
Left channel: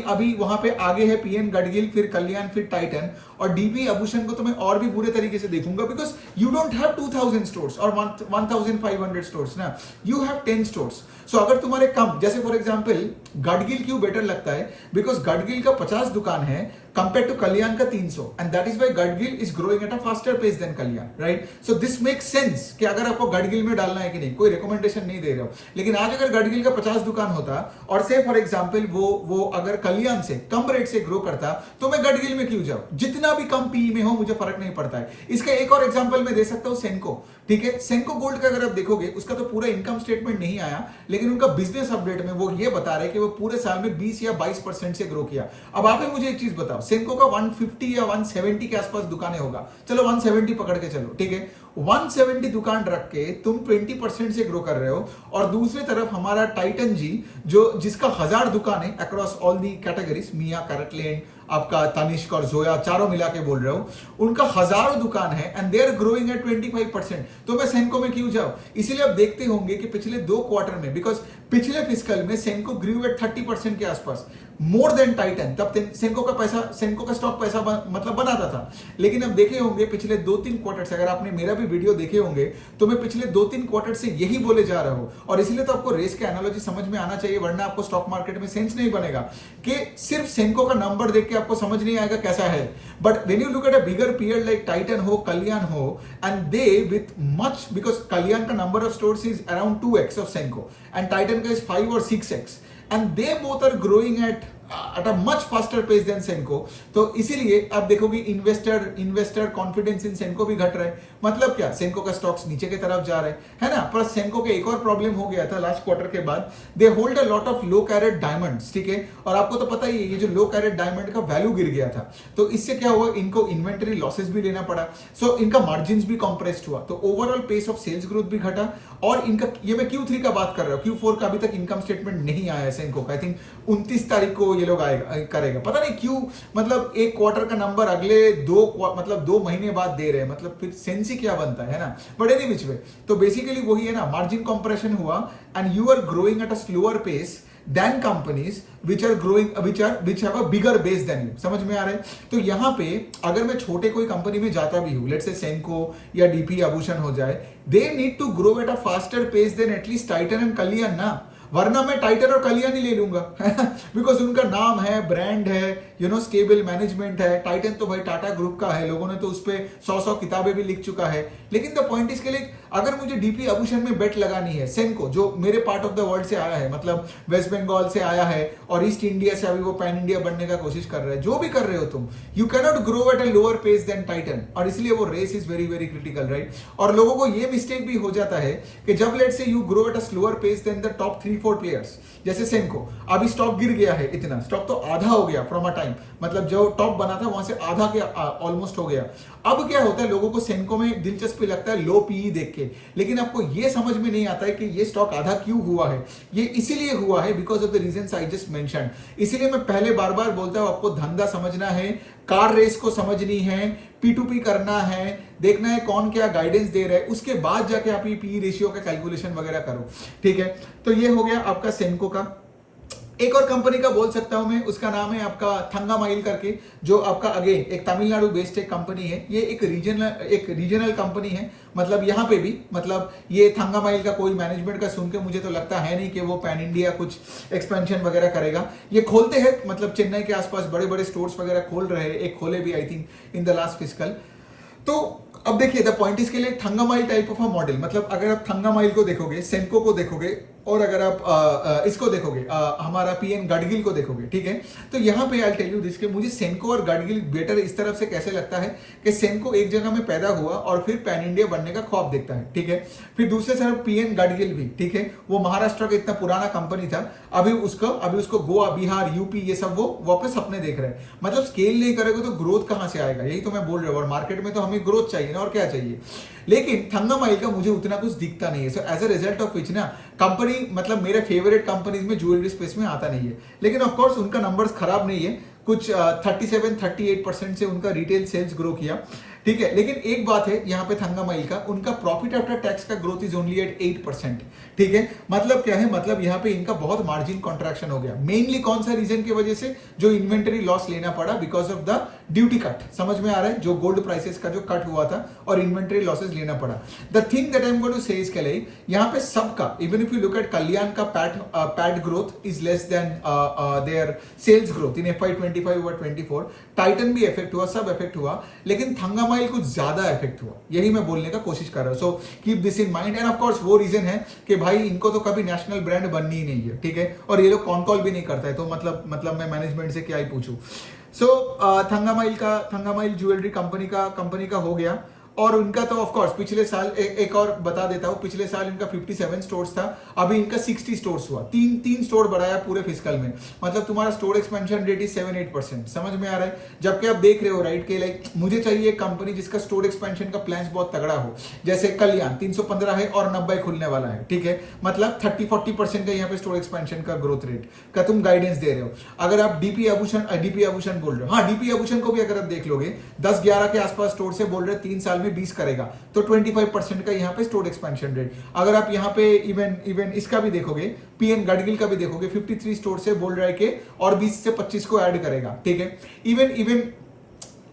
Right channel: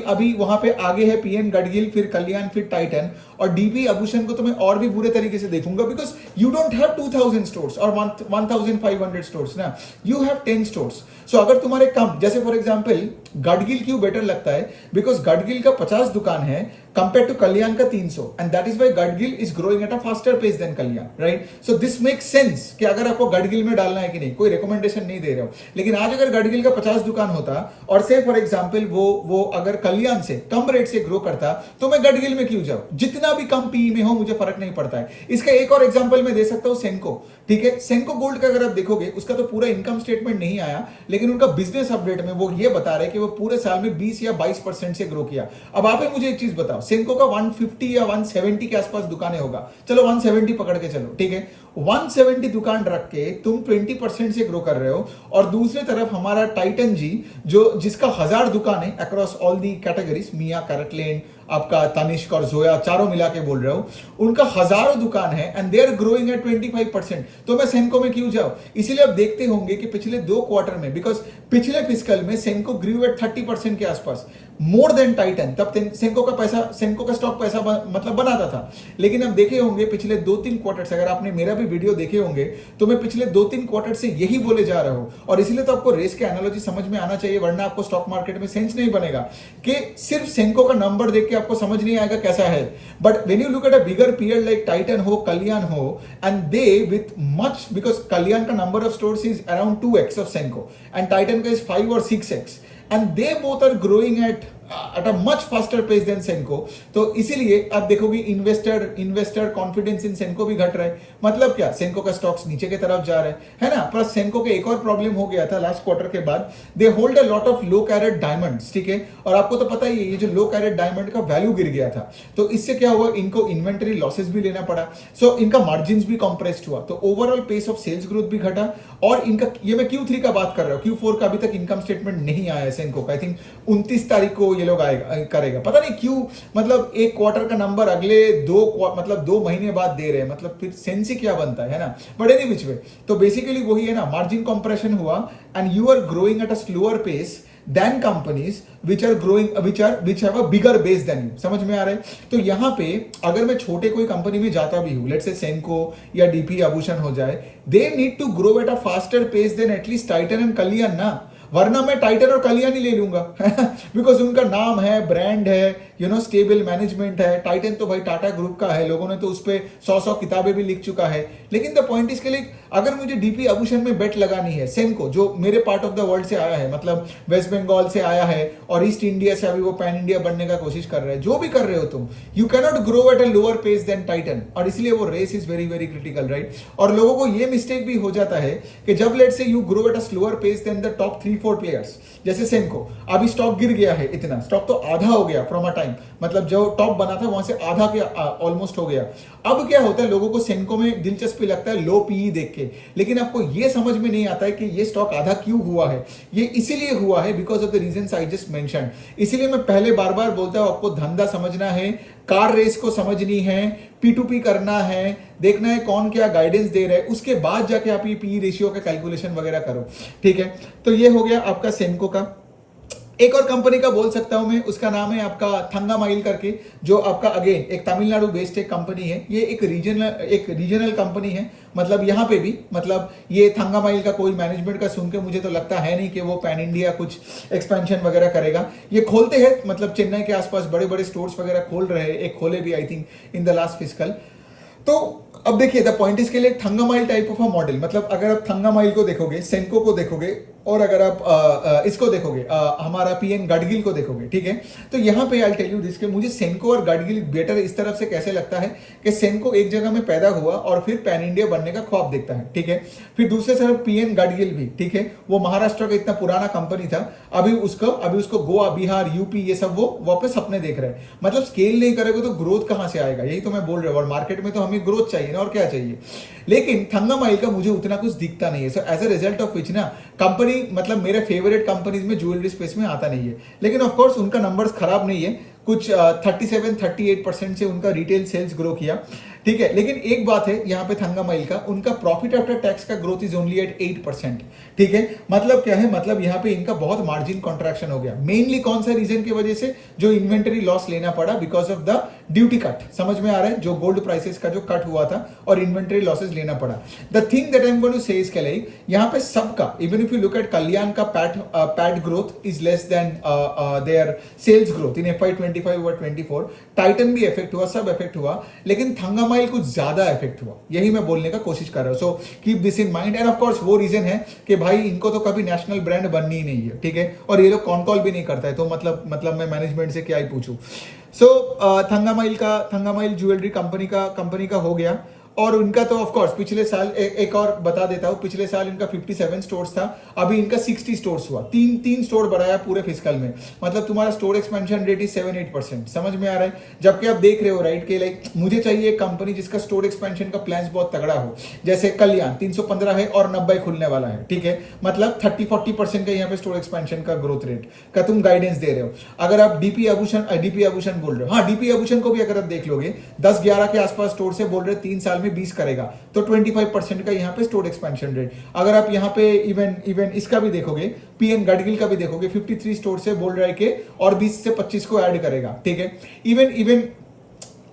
अभी वहां पे आगे है पीएन गडगिल, फिर कल्याण, फिर टाइटन, और डीपी आभूषण को तो मैं और भी बुरे तरीके से देखूंगा, because you don't have 2000 stores और 1500 स्टोर्स ना, यू हैव 10 स्टोर्स। सो अगर तुम्हारे कम, जैसे फॉर एग्जांपल गडगिल क्यों बेटर लगता है, बिकॉज गडगिल का 50 दुकान है कंपेयर टू कल्याण का 300, and that is why Gadgil is growing at a faster pace than Kalyan, right? So this makes sense कि अगर आपको गडगिल में डालना है कि नहीं, कोई रिकमेंडेशन नहीं दे रहे हो, लेकिन आज अगर गडगिल का 50 दुकान होता और से फॉर एग्जांपल वो अगर कल्याण से कम रेट से ग्रो करता, तो मैं गडगिल में क्यों जाऊं? जितना भी कम पी में हो मुझे फर्क नहीं पड़ता है। इसका एक और एग्जांपल मैं दे सकता हूं, सेंको, ठीक है? सेंको गोल्ड का अगर आप देखोगे, उसका तो पूरा इनकम स्टेटमेंट नहीं आया, लेकिन उनका बिजनेस अपडेट में वो ये बता रहे हैं कि वो पूरे साल में 20 या 22% से ग्रो किया। अब आप मुझे एक चीज बताओ, सेंको का 150 या 170 के आसपास दुकानें होगा, चलो 170 पकड़ के चलो, ठीक है? 170 दुकान रख के तुम 20% से ग्रो कर रहे हो, और दूसरी तरफ हमारा टाइटन जी जिसका 1000 दुकान है अक्रॉस ऑल दी कैटेगरीज, मिया, कैरेटलेन, आपका तनिष्क और जोया, चारों मिला के बोल रहे हो, उनका हजारों दुकान है and they are growing at 25%। तो मैं सेंको में क्यों जाऊं? इसीलिए आप देखते होंगे कि पिछले 2 क्वार्टर में, बिकॉज पिछले फिस्कल में सेंको ग्रू एट 30% के आसपास, मोर देन टाइटन। तब सेंको का स्टॉक पैसा मतलब बनाता था। लेकिन अब देखे होंगे पिछले 2-3 क्वार्टर से, अगर आपने मेरा भी वीडियो देखे होंगे, तो मैं पिछले 2-3 क्वार्टर से यही बोले जा रहा हूं, और इसीलिए तो आपको रेस के एनालॉजी समझ में आना चाहिए, वरना आपको स्टॉक मार्केट में सेंस नहीं बनेगा कि सिर्फ सेंको का नंबर देख के आपको समझ नहीं आएगा कैसा है। But when you look at a bigger period like Titan हो, कल्याण हो, and they with much, because Kalyan का number of stores is around 2x of Senco and Titan का is 5 or 6x, and they both are growing at a much faster pace than Senco। तो इसीलिए आप देखोगे investor confidence in Senco भी घट रहा है। मतलब क्या, सेंको का स्टॉक्स नीचे की तरफ जा रहे है ना। प्लस सेंको के एक और प्रॉब्लम हो गया था लास्ट क्वार्टर के बाद, they hold a lot of low carat diamonds, ठीक है? और आपको तो पता ही है, ये जो लो कैरेट डायमंड का वैल्यू गिर गया था, तो इससे क्या हुआ, इनको इन्वेंटरी लॉसेस भी लेना पड़ा। सो इनका मार्जिन भी कॉम्प्रेस्ड हुआ, तो overall pace of sales growth भी घटा। और इनका, ये मैं Q3 का बात कर रहा हूं, Q4 का अभी तक इनकम स्टेटमेंट नहीं आया है सेंको का। आई थिंक 29 तारीख को ये लोग करेगा, पता नहीं क्यों। मतलब एक क्वार्टर का नंबर अगले 2 महीने बाद दे रहे हैं, मतलब फिर सेंस ही क्या बनता है ना। बट एनी विच वे, तो बेसिकली वही है ना, मार्जिन कंप्रेशन हुआ and you are growing at a slower pace than companies which are growing, which have a bigger base than you। समझ में आ रहा है? तो यहाँ पे अगर मैं छोटे कोई कंपनी में जाता भी हूँ, लेट्स से सेंको या डीपी आभूषण हो जाए, they need to grow at a faster pace than at least Titan and कल्याण ना, वरना मैं टाइटन और कल्याण ही ले लूंगा बिकॉज उनका नाम है, ब्रांड है, स्टेबल मैनेजमेंट है। टाइटन तो भाई टाटा ग्रुप का है, लोगों ने तो उस पर 100 किताबें भी लिख चुका है। लेकिन द पॉइंट इसके लिए, अगर मुझे डीपी आभूषण में बेट लगानी है, सेंको जो मेरे पार्ट ऑफ द वर्ल्ड से आया है, मतलब वेस्ट बंगाल से आया है और ईस्ट इंडिया से अभी वो पैन इंडिया बनने का कोशिश कर रहे हैं, जो भी कर रहे हो तुम, you cannot grow at a lower pace than Titan. और इसलिए वो race is very very critical, right? और लोगों को ये मिस्टेक भी हो जाता है कि जब let say you grow at a slower pace than the top 3-4 players, जैसे सेंको, अभी स्टॉक गिर गया है, इतना स्टॉक तो आधा हो गया फ्रॉम अ टाइम, टाइम, मतलब जो टॉप बना था वहां से आधा के ऑलमोस्ट हो गया। अब क्या होता है, लोगों को सेनको में दिलचस्पी लगता है लो पीई देख के, लेकिन आपको ये समझ में नहीं आता है कि ये स्टॉक आधा क्यों हुआ है। ये इसीलिए हुआ है because of the reasons I just mentioned. इसीलिए मैं पहले बार बार बोलता हूं, आपको धंधा समझना है, कार रेस को समझनी है, P2P करना है, देखना है कौन क्या गाइडेंस दे रहा है, उसके बाद जाके आप ये पी रेशियो का कैलकुलेशन वगैरह करो। ठीक है, तो ये हो गया आपका सेनको का। एक और कंपनी का बोल सकता हूं मैं, उसका नाम है आपका थंगामाइल करके, जो आपका अगेन एक तमिलनाडु बेस्ड एक कंपनी है। ये एक रीजनल कंपनी है, मतलब यहां पे भी, मतलब ये थंगामाइल का कोई मैनेजमेंट का सुन के मुझे तो लगता है नहीं कि वो पैन इंडिया कुछ एक्सपेंशन वगैरह करेगा। ये खोलते हैं, मतलब चेन्नई के आसपास बड़े बड़े स्टोर्स वगैरह खोल रहे हैं, एक खोले भी I think in the last fiscal. तो अब देखिए, द पॉइंट इसके लिए थंगामाइल टाइप ऑफ अ मॉडल, मतलब अगर आप थंगामाइल को देखोगे, सेनको को देखोगे, और अगर आप इसको देखोगे, हमारा पीएन गडगिल को देखोगे, ठीक है, तो यहां पे आई टेल यू दिस, मुझे सेनको और गडगिल बेटर इस तरफ से कैसे लगता है कि सेनको एक जगह में पैदा हुआ और फिर पैन इंडिया बनने का ख्वाब देखता है। ठीक है, फिर दूसरे तरफ पीएन गडगिल भी, ठीक है, वो महाराष्ट्र का इतना पुराना कंपनी था, अभी उसको गोवा, बिहार, यूपी, ये सब वो वापस सपने देख रहे हैं। मतलब स्केल नहीं करेगा तो ग्रोथ कहां से आएगा, यही तो मैं बोल रहा हूं। और मार्केट में तो हमें ग्रोथ चाहिए ना, और क्या चाहिए। लेकिन थंगामाइल का मुझे उतना कुछ दिखता नहीं है। So as a result of which ना, कंपनी मतलब मेरे फेवरेट कंपनीज में ज्वेलरी स्पेस में आता नहीं है। लेकिन ऑफ कोर्स उनका नंबर्स खराब नहीं है, कुछ 37-38% से उनका रिटेल सेल्स ग्रो किया। ठीक है, लेकिन एक बात है यहाँ पे थंगामाइल का, उनका प्रॉफिट आफ्टर टैक्स का ग्रोथ इज ओनली एट 8%। ठीक है, मतलब क्या है, मतलब यहाँ पे इनका बहुत मार्जिन कॉन्ट्रैक्शन हो गया। मेनली कौन सा रीजन की वजह से, जो इन्वेंटरी लॉस लेना पड़ा because of the duty cut, समझ में आ रहा है, जो गोल्ड प्राइसेस का जो कट हुआ था और इन्वेंटरी लॉसेस लेना पड़ा। The thing that I am going to say इसके लिए, यहाँ पे सबका, even if you look at Kalyan का PAT growth is less than their sales growth in FY25 over 24। Titan भी इफेक्ट हुआ, सब इफेक्ट हुआ, लेकिन थंगामाइल कुछ ज्यादा इफेक्ट हुआ। यही मैं बोलने का कोशिश कर रहा हूं। So keep this in mind. And of course वो रीजन है कि भाई इनको तो कभी नेशनल ब्रांड बननी ही नहीं है। ठीक है, और ये लोग कॉन कॉल भी नहीं करता है, तो मतलब मैं मैनेजमेंट से क्या ही पूछूं। सो थंगामाइल ज्वेलरी कंपनी का हो गया। और उनका तो ऑफ कोर्स पिछले साल एक और बता देता हूं, पिछले साल इनका 57 स्टोर्स था, अभी इनका 60 स्टोर्स हुआ। तीन स्टोर बढ़ाया पूरे फिस्कल में, मतलब तुम्हारा स्टोर एक्सपेंशन रेट इज 7-8%। समझ में आ रहा है, जबकि आप देख रहे हो राइट के लाइक मुझे चाहिए एक कंपनी जिसका स्टोर एक्सपेंशन का प्लान बहुत तगड़ा हो। जैसे कल्याण 315 है और 90 खुलने वाला है। ठीक है, मतलब 30-40% का यहाँ पे स्टोर एक्सपेंशन का ग्रोथ रेट का तुम गाइडेंस दे रहे हो। अगर आप डीपी आभूषण बोल रहे हो, हाँ डीपी आभूषण को भी अगर आप देख लोगे 10-11 के आसपास स्टोर से बोल रहे 3 साल में 20 करेगा, तो 25% का यहाँ पे स्टोर एक्सपेंशन रेट। अगर आप यहाँ पे इवन इसका भी देखोगे, पीएन गडगिल का भी देखोगे, 53 स्टोर से बोल रहा है कि और 20 से 25 को ऐड करेगा। ठीक है, इवन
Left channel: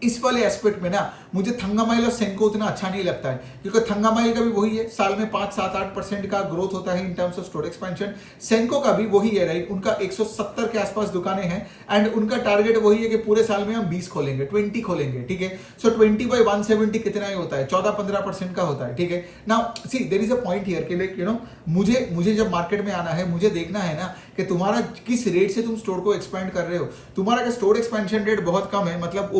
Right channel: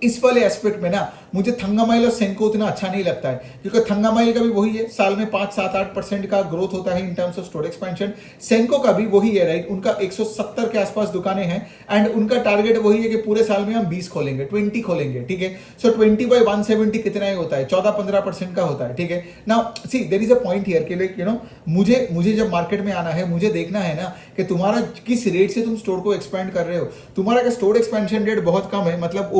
इस वाले एस्पेक्ट में ना मुझे थंगामाइल और सेनको उतना अच्छा नहीं लगता है, क्योंकि थंगामाइल का भी वही है, साल में 5-7-8% का ग्रोथ होता है in terms of store expansion. Senco का भी वही है राइट, उनका 170 के आसपास दुकानें हैं एंड उनका टारगेट वही है कि पूरे साल में हम 20 खोलेंगे, 20 खोलेंगे। ठीक है, सो 20/170 कितना ही होता है, 14-15% का होता है। ठीक है, now see there is a point here कि लाइक यू नो मुझे जब मार्केट में आना है, मुझे देखना है ना कि तुम्हारा किस रेट से तुम स्टोर को एक्सपेंड कर रहे हो। तुम्हारा का स्टोर एक्सपेंशन रेट बहुत कम है, मतलब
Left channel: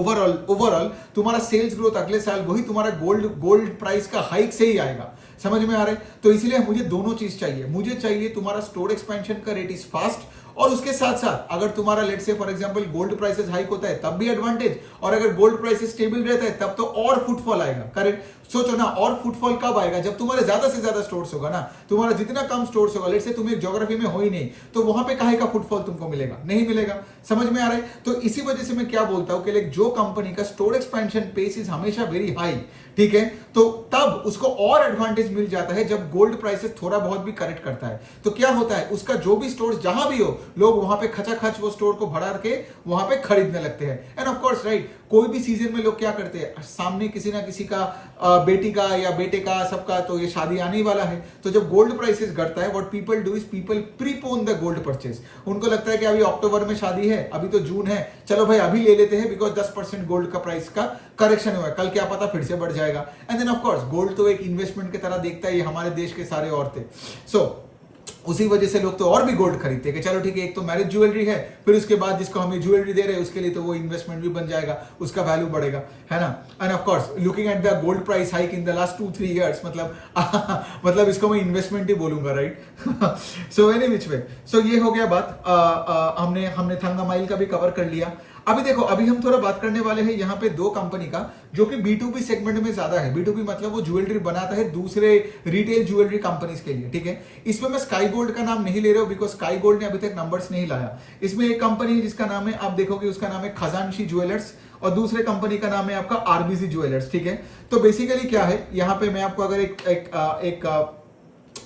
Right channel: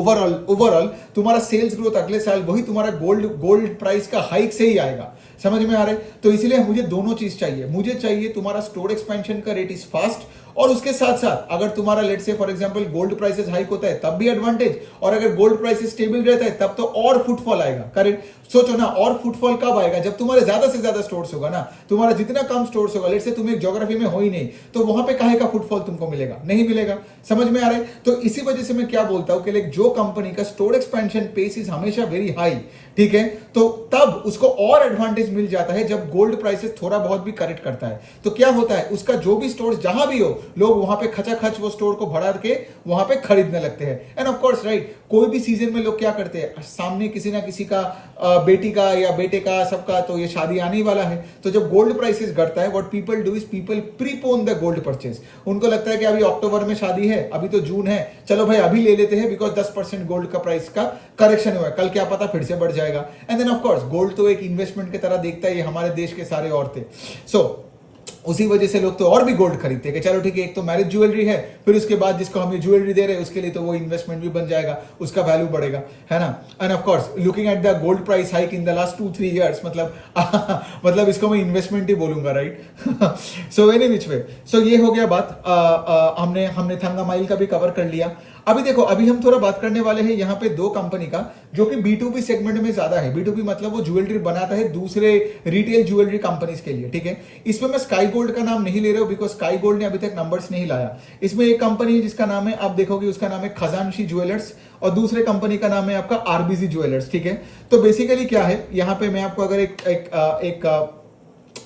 ओवरऑल तुम्हारा सेल्स ग्रोथ अगले साल वही तुम्हारा गोल्ड प्राइस का हाइक से ही आएगा। समझ में आ रहा है, तो इसलिए मुझे दोनों चीज चाहिए। मुझे चाहिए तुम्हारा स्टोर एक्सपेंशन का रेट इज फास्ट, और उसके साथ साथ अगर तुम्हारा let's say for example gold prices hike होता है तब भी एडवांटेज, और अगर गोल्ड प्राइसेस स्टेबल रहता है तब तो और फुटफॉल आएगा। करेक्ट, सोचो ना, और फुटफॉल कब आएगा, जब तुम्हारे ज्यादा से ज्यादा स्टोर्स होगा ना। तुम्हारा जितना कम स्टोर्स होगा, लेट्स से तुम एक ज्योग्राफी में हो ही नहीं, तो वहां पे काहे का फुटफॉल तुमको मिलेगा, नहीं मिलेगा। समझ में आ रहा है, तो इसी वजह से मैं क्या बोलता हूं कि जो कंपनी का स्टोर एक्सपेंशन पेस इज हमेशा वेरी हाई, ठीक है, तो तब उसको और एडवांटेज मिल जाता है जब गोल्ड प्राइसेस थोड़ा बहुत भी करेक्ट करता है। तो क्या होता है, उसका जो भी स्टोर जहां भी हो, लोग वहां पे खचाखच वो स्टोर को बढ़ा के वहां पे खरीदने लगते हैं। एंड ऑफ कोर्स राइट, कोई भी सीजन में लोग क्या करते हैं, सामने किसी ना किसी का बेटी का या बेटे का सबका तो ये शादी आने वाला है, तो जब गोल्ड प्राइसेस घटता है, what people do is people prepone the gold purchase. उनको लगता है कि अभी अक्टूबर में शादी है, अभी तो जून है, चलो भाई अभी ले लेते हैं, बिकॉज 10% गोल्ड का प्राइस का करेक्शन हुआ है, कल क्या पता फिर से बढ़ जाएगा। And then of course gold तो एक इन्वेस्टमेंट की तरह देखता है ये हमारे देश के सारे औरतें। सो उसी वजह से लोग तो और भी गोल्ड खरीदते हैं कि चलो ठीक है, एक तो मैरिज ज्वेलरी है, फिर उसके बाद जिसको हम ये ज्वेलरी दे रहे हैं उसके लिए तो वो इन्वेस्टमेंट भी बन जाएगा, उसका वैल्यू बढ़ेगा, है ना। And of course looking at the gold price hike in the last 2-3 years, मतलब इसको मैं इन्वेस्टमेंट ही बोलूंगा राइट। सो एनी विच वे, सो ये हो गया बात, हमने थंगामाइल का भी कवर कर लिया। अभी देखो, अभी हम थोड़ा बात करने वाले हैं यहाँ पे दो कंपनी का जो कि B2B सेगमेंट में ज्यादा है। B2B मतलब वो ज्वेलरी बनाता है दूसरे रिटेल ज्वेलरी कंपनीज के लिए, ठीक है। इसमें मैं स्काई गोल्ड का नाम नहीं ले रहा हूँ बिकॉज स्काई गोल्ड ने अभी तक नंबर्स नहीं लाया। इसमें एक कंपनी है जिसका नाम है, आप देखोगे उसका नाम है खजानशी ज्वेलर्स, और दूसरे कंपनी का नाम है आपका आरबीसी ज्वेलर्स, ठीक है। तो बेसिकली क्या है यहाँ पे, मैं आपको अगर एक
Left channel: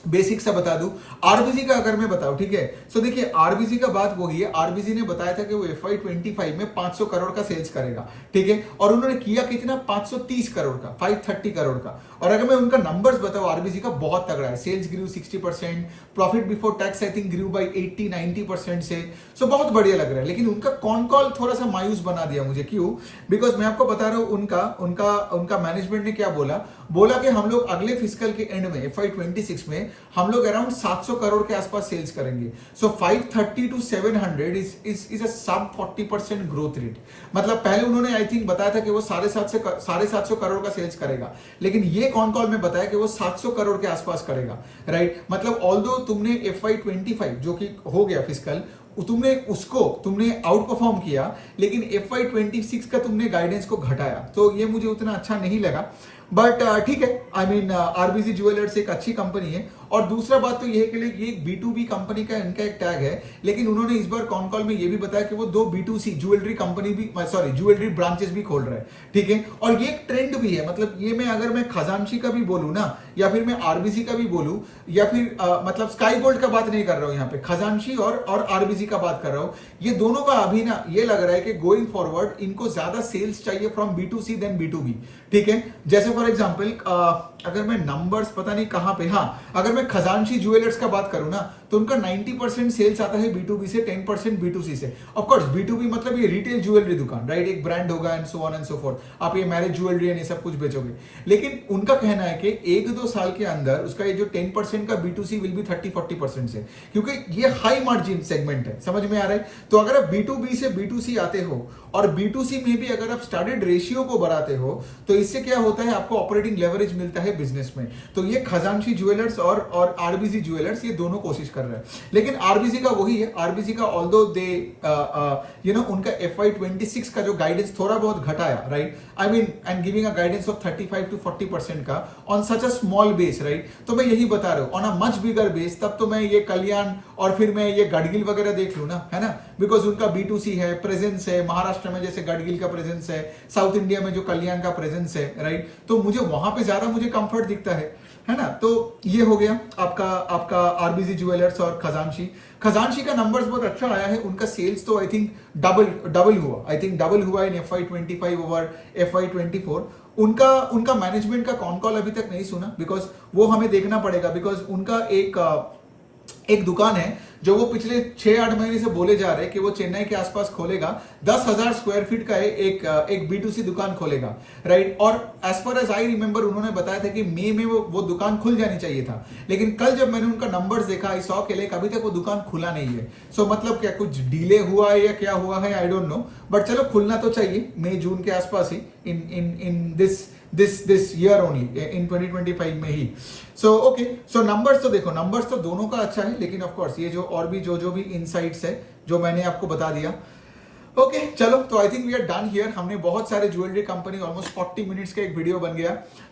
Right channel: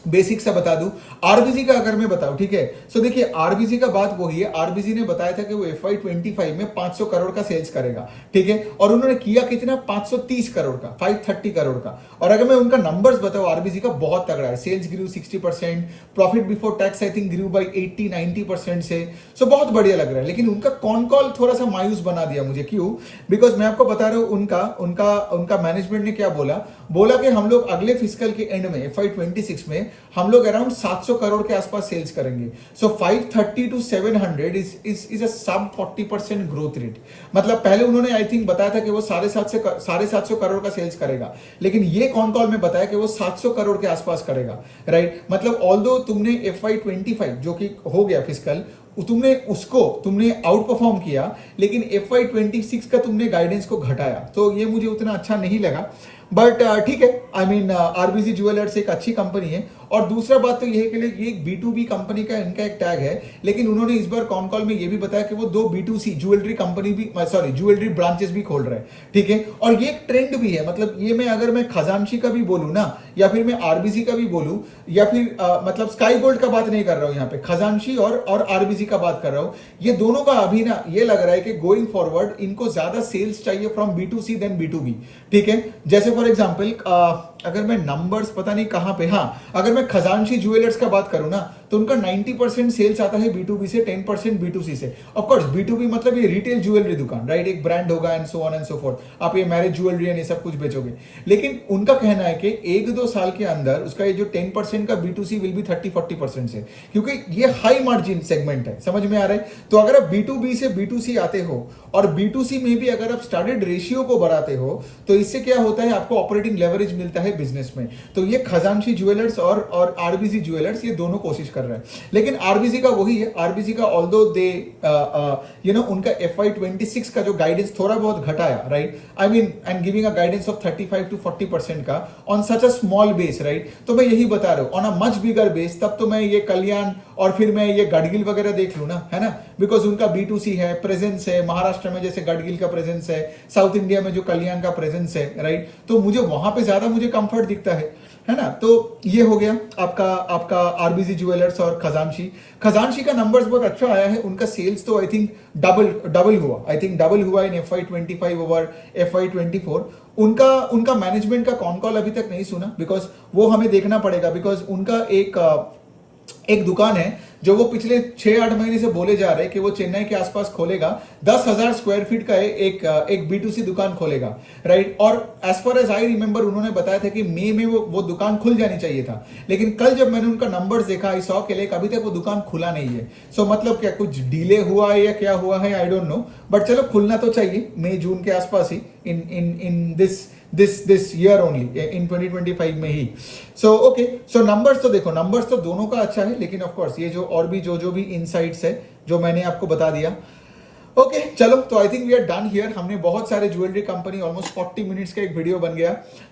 बेसिक सा बता दूं, आरबीसी का अगर मैं बताऊं, ठीक है। सो देखिए, आरबीसी का बात वही है, आरबीसी ने बताया था कि वो FY25 में 500 करोड़ का सेल्स करेगा, ठीक है। और उन्होंने किया कितना, 530 करोड़ का, 530 करोड़ का। और अगर मैं उनका नंबर्स बताऊं, आरबीसी का बहुत तगड़ा है। Sales grew 60%, profit before tax I think grew by 80-90% से। सो बहुत बढ़िया लग रहा है। लेकिन उनका कॉन कॉल थोड़ा सा मायूस बना दिया मुझे। क्यों? बिकॉज मैं आपको बता रहा हूं, उनका मैनेजमेंट ने क्या बोला कि हम लोग अगले फिजिकल के एंड में FY26 में हम लोग अराउंड 700 करोड़ के आसपास सेल्स करेंगे। सो 530 to 700 इज अ सब 40% ग्रोथ रेट। मतलब पहले उन्होंने आई थिंक बताया था कि वो 750 करोड़ का सेल्स करेगा, लेकिन ये कॉन कॉल में बताया कि वो 700 करोड़ के आसपास करेगा, राइट। मतलब ऑल्दो तुमने FY25 जो कि हो गया फिजिकल, तुमने आउट परफॉर्म किया, लेकिन FY26 का तुमने गाइडेंस को घटाया, तो ये मुझे उतना अच्छा नहीं लगा। बट ठीक है, आई मीन आरबीसी ज्वेलर्स एक अच्छी कंपनी है। और दूसरा बात तो ये है कि ये एक B2B कंपनी का इनका एक टैग है, लेकिन उन्होंने इस बार कॉन कॉल में ये भी बताया कि वो 2 B2C ज्वेलरी कंपनी भी, ज्वेलरी ब्रांचेस भी खोल रहे हैं, ठीक है। और ये एक ट्रेंड भी है। मतलब ये अगर मैं खजानशी का भी बोलूं ना, या फिर मैं आरबीसी का भी बोलूं, या फिर मतलब स्काई गोल्ड का बात नहीं कर रहा हूं यहाँ पे, खजानशी और आरबीसी का बात कर रहा हूं। ये दोनों का अभी ना ये लग रहा है कि गोइंग फॉरवर्ड इनको ज्यादा सेल्स चाहिए फ्रॉम B2C देन B2B, ठीक है। जैसे फॉर एग्जाम्पल, अगर मैं नंबर्स पता नहीं कहां पे, हाँ, अगर मैं खजानशी ज्वेलर्स का बात करूं ना, तो उनका 90% सेल्स आता है B2B से, 10% B2C से। ऑफ कोर्स B2B मतलब ये रिटेल ज्वेलरी दुकान, राइट, एक ब्रांड होगा and so on and so fourth. आप ये मैरिज ज्वेलरी एंड ये सब कुछ बेचोगे। लेकिन उनका कहना है कि 1-2 साल के अंदर उसका ये जो 10% का B2C विल बी 30-40% से, क्योंकि ये हाई मार्जिन सेगमेंट है। समझ में आ रहा है? तो अगर आप B2B से B2C आते हो और B2C में भी अगर आप स्टार्टेड रेशियो को बढ़ाते हो, तो इससे क्या होता है, आपको ऑपरेटिंग लेवरेज मिलता है बिजनेस में। तो ये खजानशी ज्वेलर्स और आरबीसी ज्वेलर्स ये दोनों कोशिश कर रहे हैं। लेकिन आरबीसी का वही है, आरबीसी का ऑल्दो दे उनका FY26 का जो गाइडेंस थोड़ा बहुत घटाया, right, I mean and giving a guidance of 35 to 40% का on such a small base, right. तो मैं यही बता रहा हूं, on a much bigger base, तब तो मैं ये कल्याण और फिर मैं ये गडगिल वगैरह देख लूं ना, है ना, बिकॉज उनका B2C है, प्रेजेंस है महाराष्ट्र में, जैसे गडगिल का प्रेजेंस है, साउथ इंडिया में जो कल्याण का प्रेजेंस है, राइट। तो मुझे वहां पे ज्यादा मुझे कंफर्ट दिखता है ना। तो ये हो गया आपका आरबीसी ज्वेलर्स और खजानशी का नंबर्स बहुत अच्छा आया है। उनका सेल्स तो आई थिंक डबल हुआ इन FY25 ओवर FY24। उनका मैनेजमेंट का कॉन कॉल अभी तक नहीं सुना, बिकॉज वो हमें देखना पड़ेगा। बिकॉज उनका एक दुकान है जो वो पिछले 6-8 महीने से बोले जा रहे हैं कि वो चेन्नई के आसपास खोलेगा, 10,000 स्क्वायर फीट का एक B2C दुकान खोलेगा, राइट। और as far as I remember उन्होंने बताया था कि मई में वो दुकान खुल जानी चाहिए था। लेकिन कल जब मैंने उनका नंबर्स देखा, आई सॉ के अभी तक वो दुकान खुला नहीं है। सो मतलब क्या कुछ डिले हुआ है या क्या हुआ है, आई डोंट नो, बट चलो खुलना तो चाहिए मई जून के आसपास ही, इन दिस ईयर ओनली, इन 2025 में ही। सो ओके, सो नंबर्स तो देखो, नंबर्स तो दोनों का अच्छा है, लेकिन ऑफ कोर्स ये जो और भी जो भी इनसाइट्स है जो मैंने आपको बता दिया। ओके चलो, तो I think we are done here. हमने बहुत सारे ज्वेलरी कंपनी, ऑलमोस्ट 40 मिनट्स का एक वीडियो बन गया।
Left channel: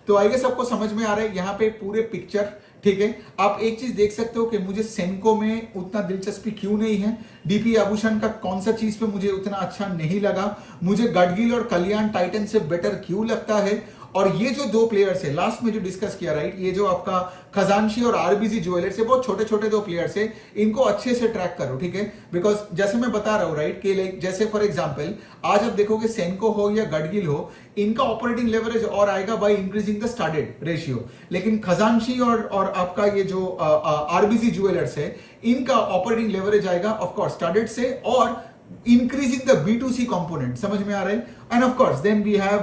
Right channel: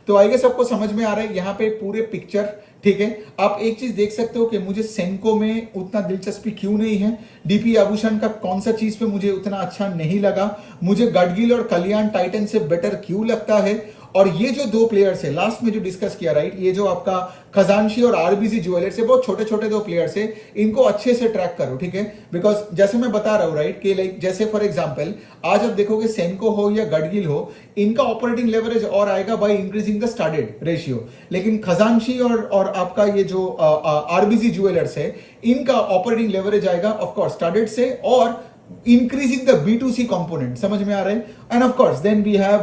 तो आई गेस सबको समझ में आ रहा है यहाँ पे पूरे पिक्चर, ठीक है। आप एक चीज देख सकते हो कि मुझे सेंको में उतना दिलचस्पी क्यों नहीं है, डीपी आभूषण का कौन सा चीज पे मुझे उतना अच्छा नहीं लगा, मुझे गडगिल और कल्याण टाइटन से बेटर क्यों लगता है। और ये जो दो प्लेयर्स है लास्ट में जो डिस्कस किया, राइट, ये जो आपका खजानशी और आरबीसी ज्वेलर्स है, बहुत छोटे छोटे दो प्लेयर्स है, इनको अच्छे से ट्रैक करो, ठीक है। बिकॉज जैसे मैं बता रहा हूं, राइट, कि लाइक जैसे फॉर एग्जांपल आज आप देखोगे सेंको हो या गडगिल हो, इनका ऑपरेटिंग लेवरेज और आएगा by increasing the started ratio. लेकिन खजानशी और आपका ये जो आरबीसी ज्वेलर्स है, इनका ऑपरेटिंग लेवरेज आएगा ऑफकोर्स स्टार्टेड से और increasing the B2C component। समझ में आ रहा है। And of course then we have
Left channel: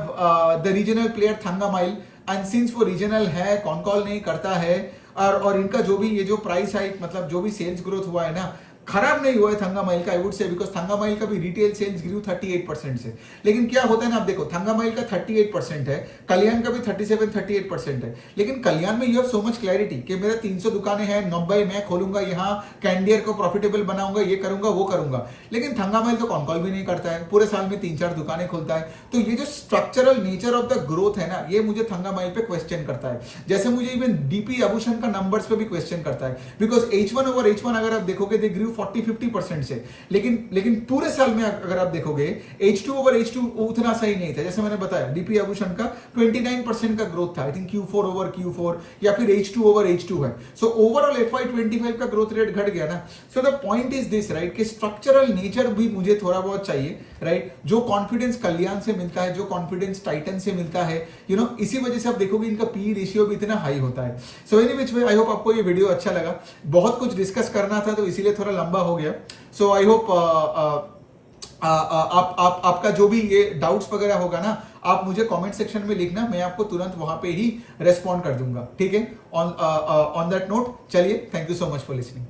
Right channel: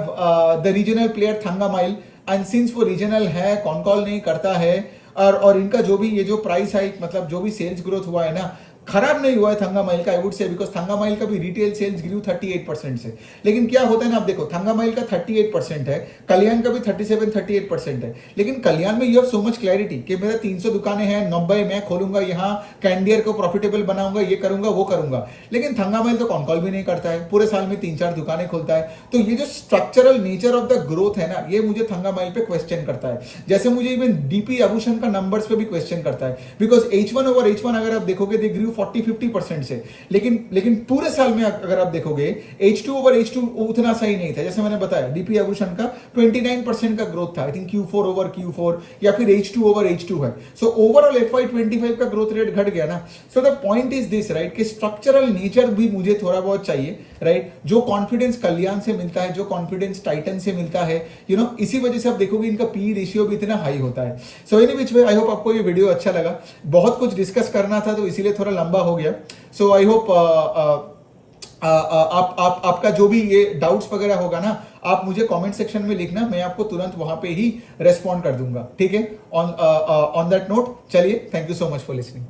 the regional player Thangamayil, and since वो रीजनल है, कॉन कॉल नहीं करता है, और इनका जो भी ये जो प्राइस हाइक, मतलब जो भी सेल्स ग्रोथ हुआ है ना, खराब नहीं हुआ है थंगामाइल का, आई वुड से, बिकॉज थंगामाइल का भी रिटेल सेल्स ग्रू 38% से। लेकिन क्या होता है ना, आप देखो थंगामाइल का 38% है, कल्याण का भी 37-38% है, लेकिन कल्याण में you have so much clarity कि मेरा 300 दुकानें हैं, 90 मैं खोलूंगा, यहाँ कैंडियर को प्रॉफिटेबल बनाऊंगा, ये करूंगा वो करूंगा। लेकिन थंगामाइल तो कॉन कॉल भी नहीं करता है, पूरे साल में 3-4 दुकानें खोलता है। तो ये जो structural nature of the growth है ना, ये मुझे थंगामाइल पे क्वेश्चन करता है। जैसे मुझे इवन डीपी आभूषण का नंबर्स पे भी क्वेश्चन करता है, बिकॉज H1 ओवर H1 अगर आप देखोगे दे ग्रू 40-50% से, लेकिन पूरे साल में अगर आप देखोगे H2 ओवर H2 उतना सही नहीं था। जैसे मैंने बताया डीपी आभूषण का 29% का ग्रोथ था, I think Q4 over Q4 या फिर H2 ओवर H2 है। सो ओवरऑल FY25 का ग्रोथ रेट घट गया ना। So the point is this right, कि स्ट्रक्चरल नेचर भी मुझे थोड़ा बहुत चाहिए, राइट? जो कॉन्फिडेंस कल्याण से मिलता है, जो कॉन्फिडेंस टाइटन से मिलता है, यू नो, इसी वजह से आप देखोगे इनका पी रेशियो भी इतना हाई होता है। So any which way, I hope आपको ये वीडियो अच्छा लगा। बहुत कुछ डिस्कस करना था तो इसीलिए थोड़ा लंबा हो गया। सो आई होप आपका जो भी ये डाउट्स वगैरह होगा ना, आप मुझे कमेंट सेक्शन में लिखना, मैं आपको तुरंत वहां पे ही रेस्पॉन्ड कर दूंगा, ठीक है? ऑन दैट नोट, चलिए, thank you so much for listening.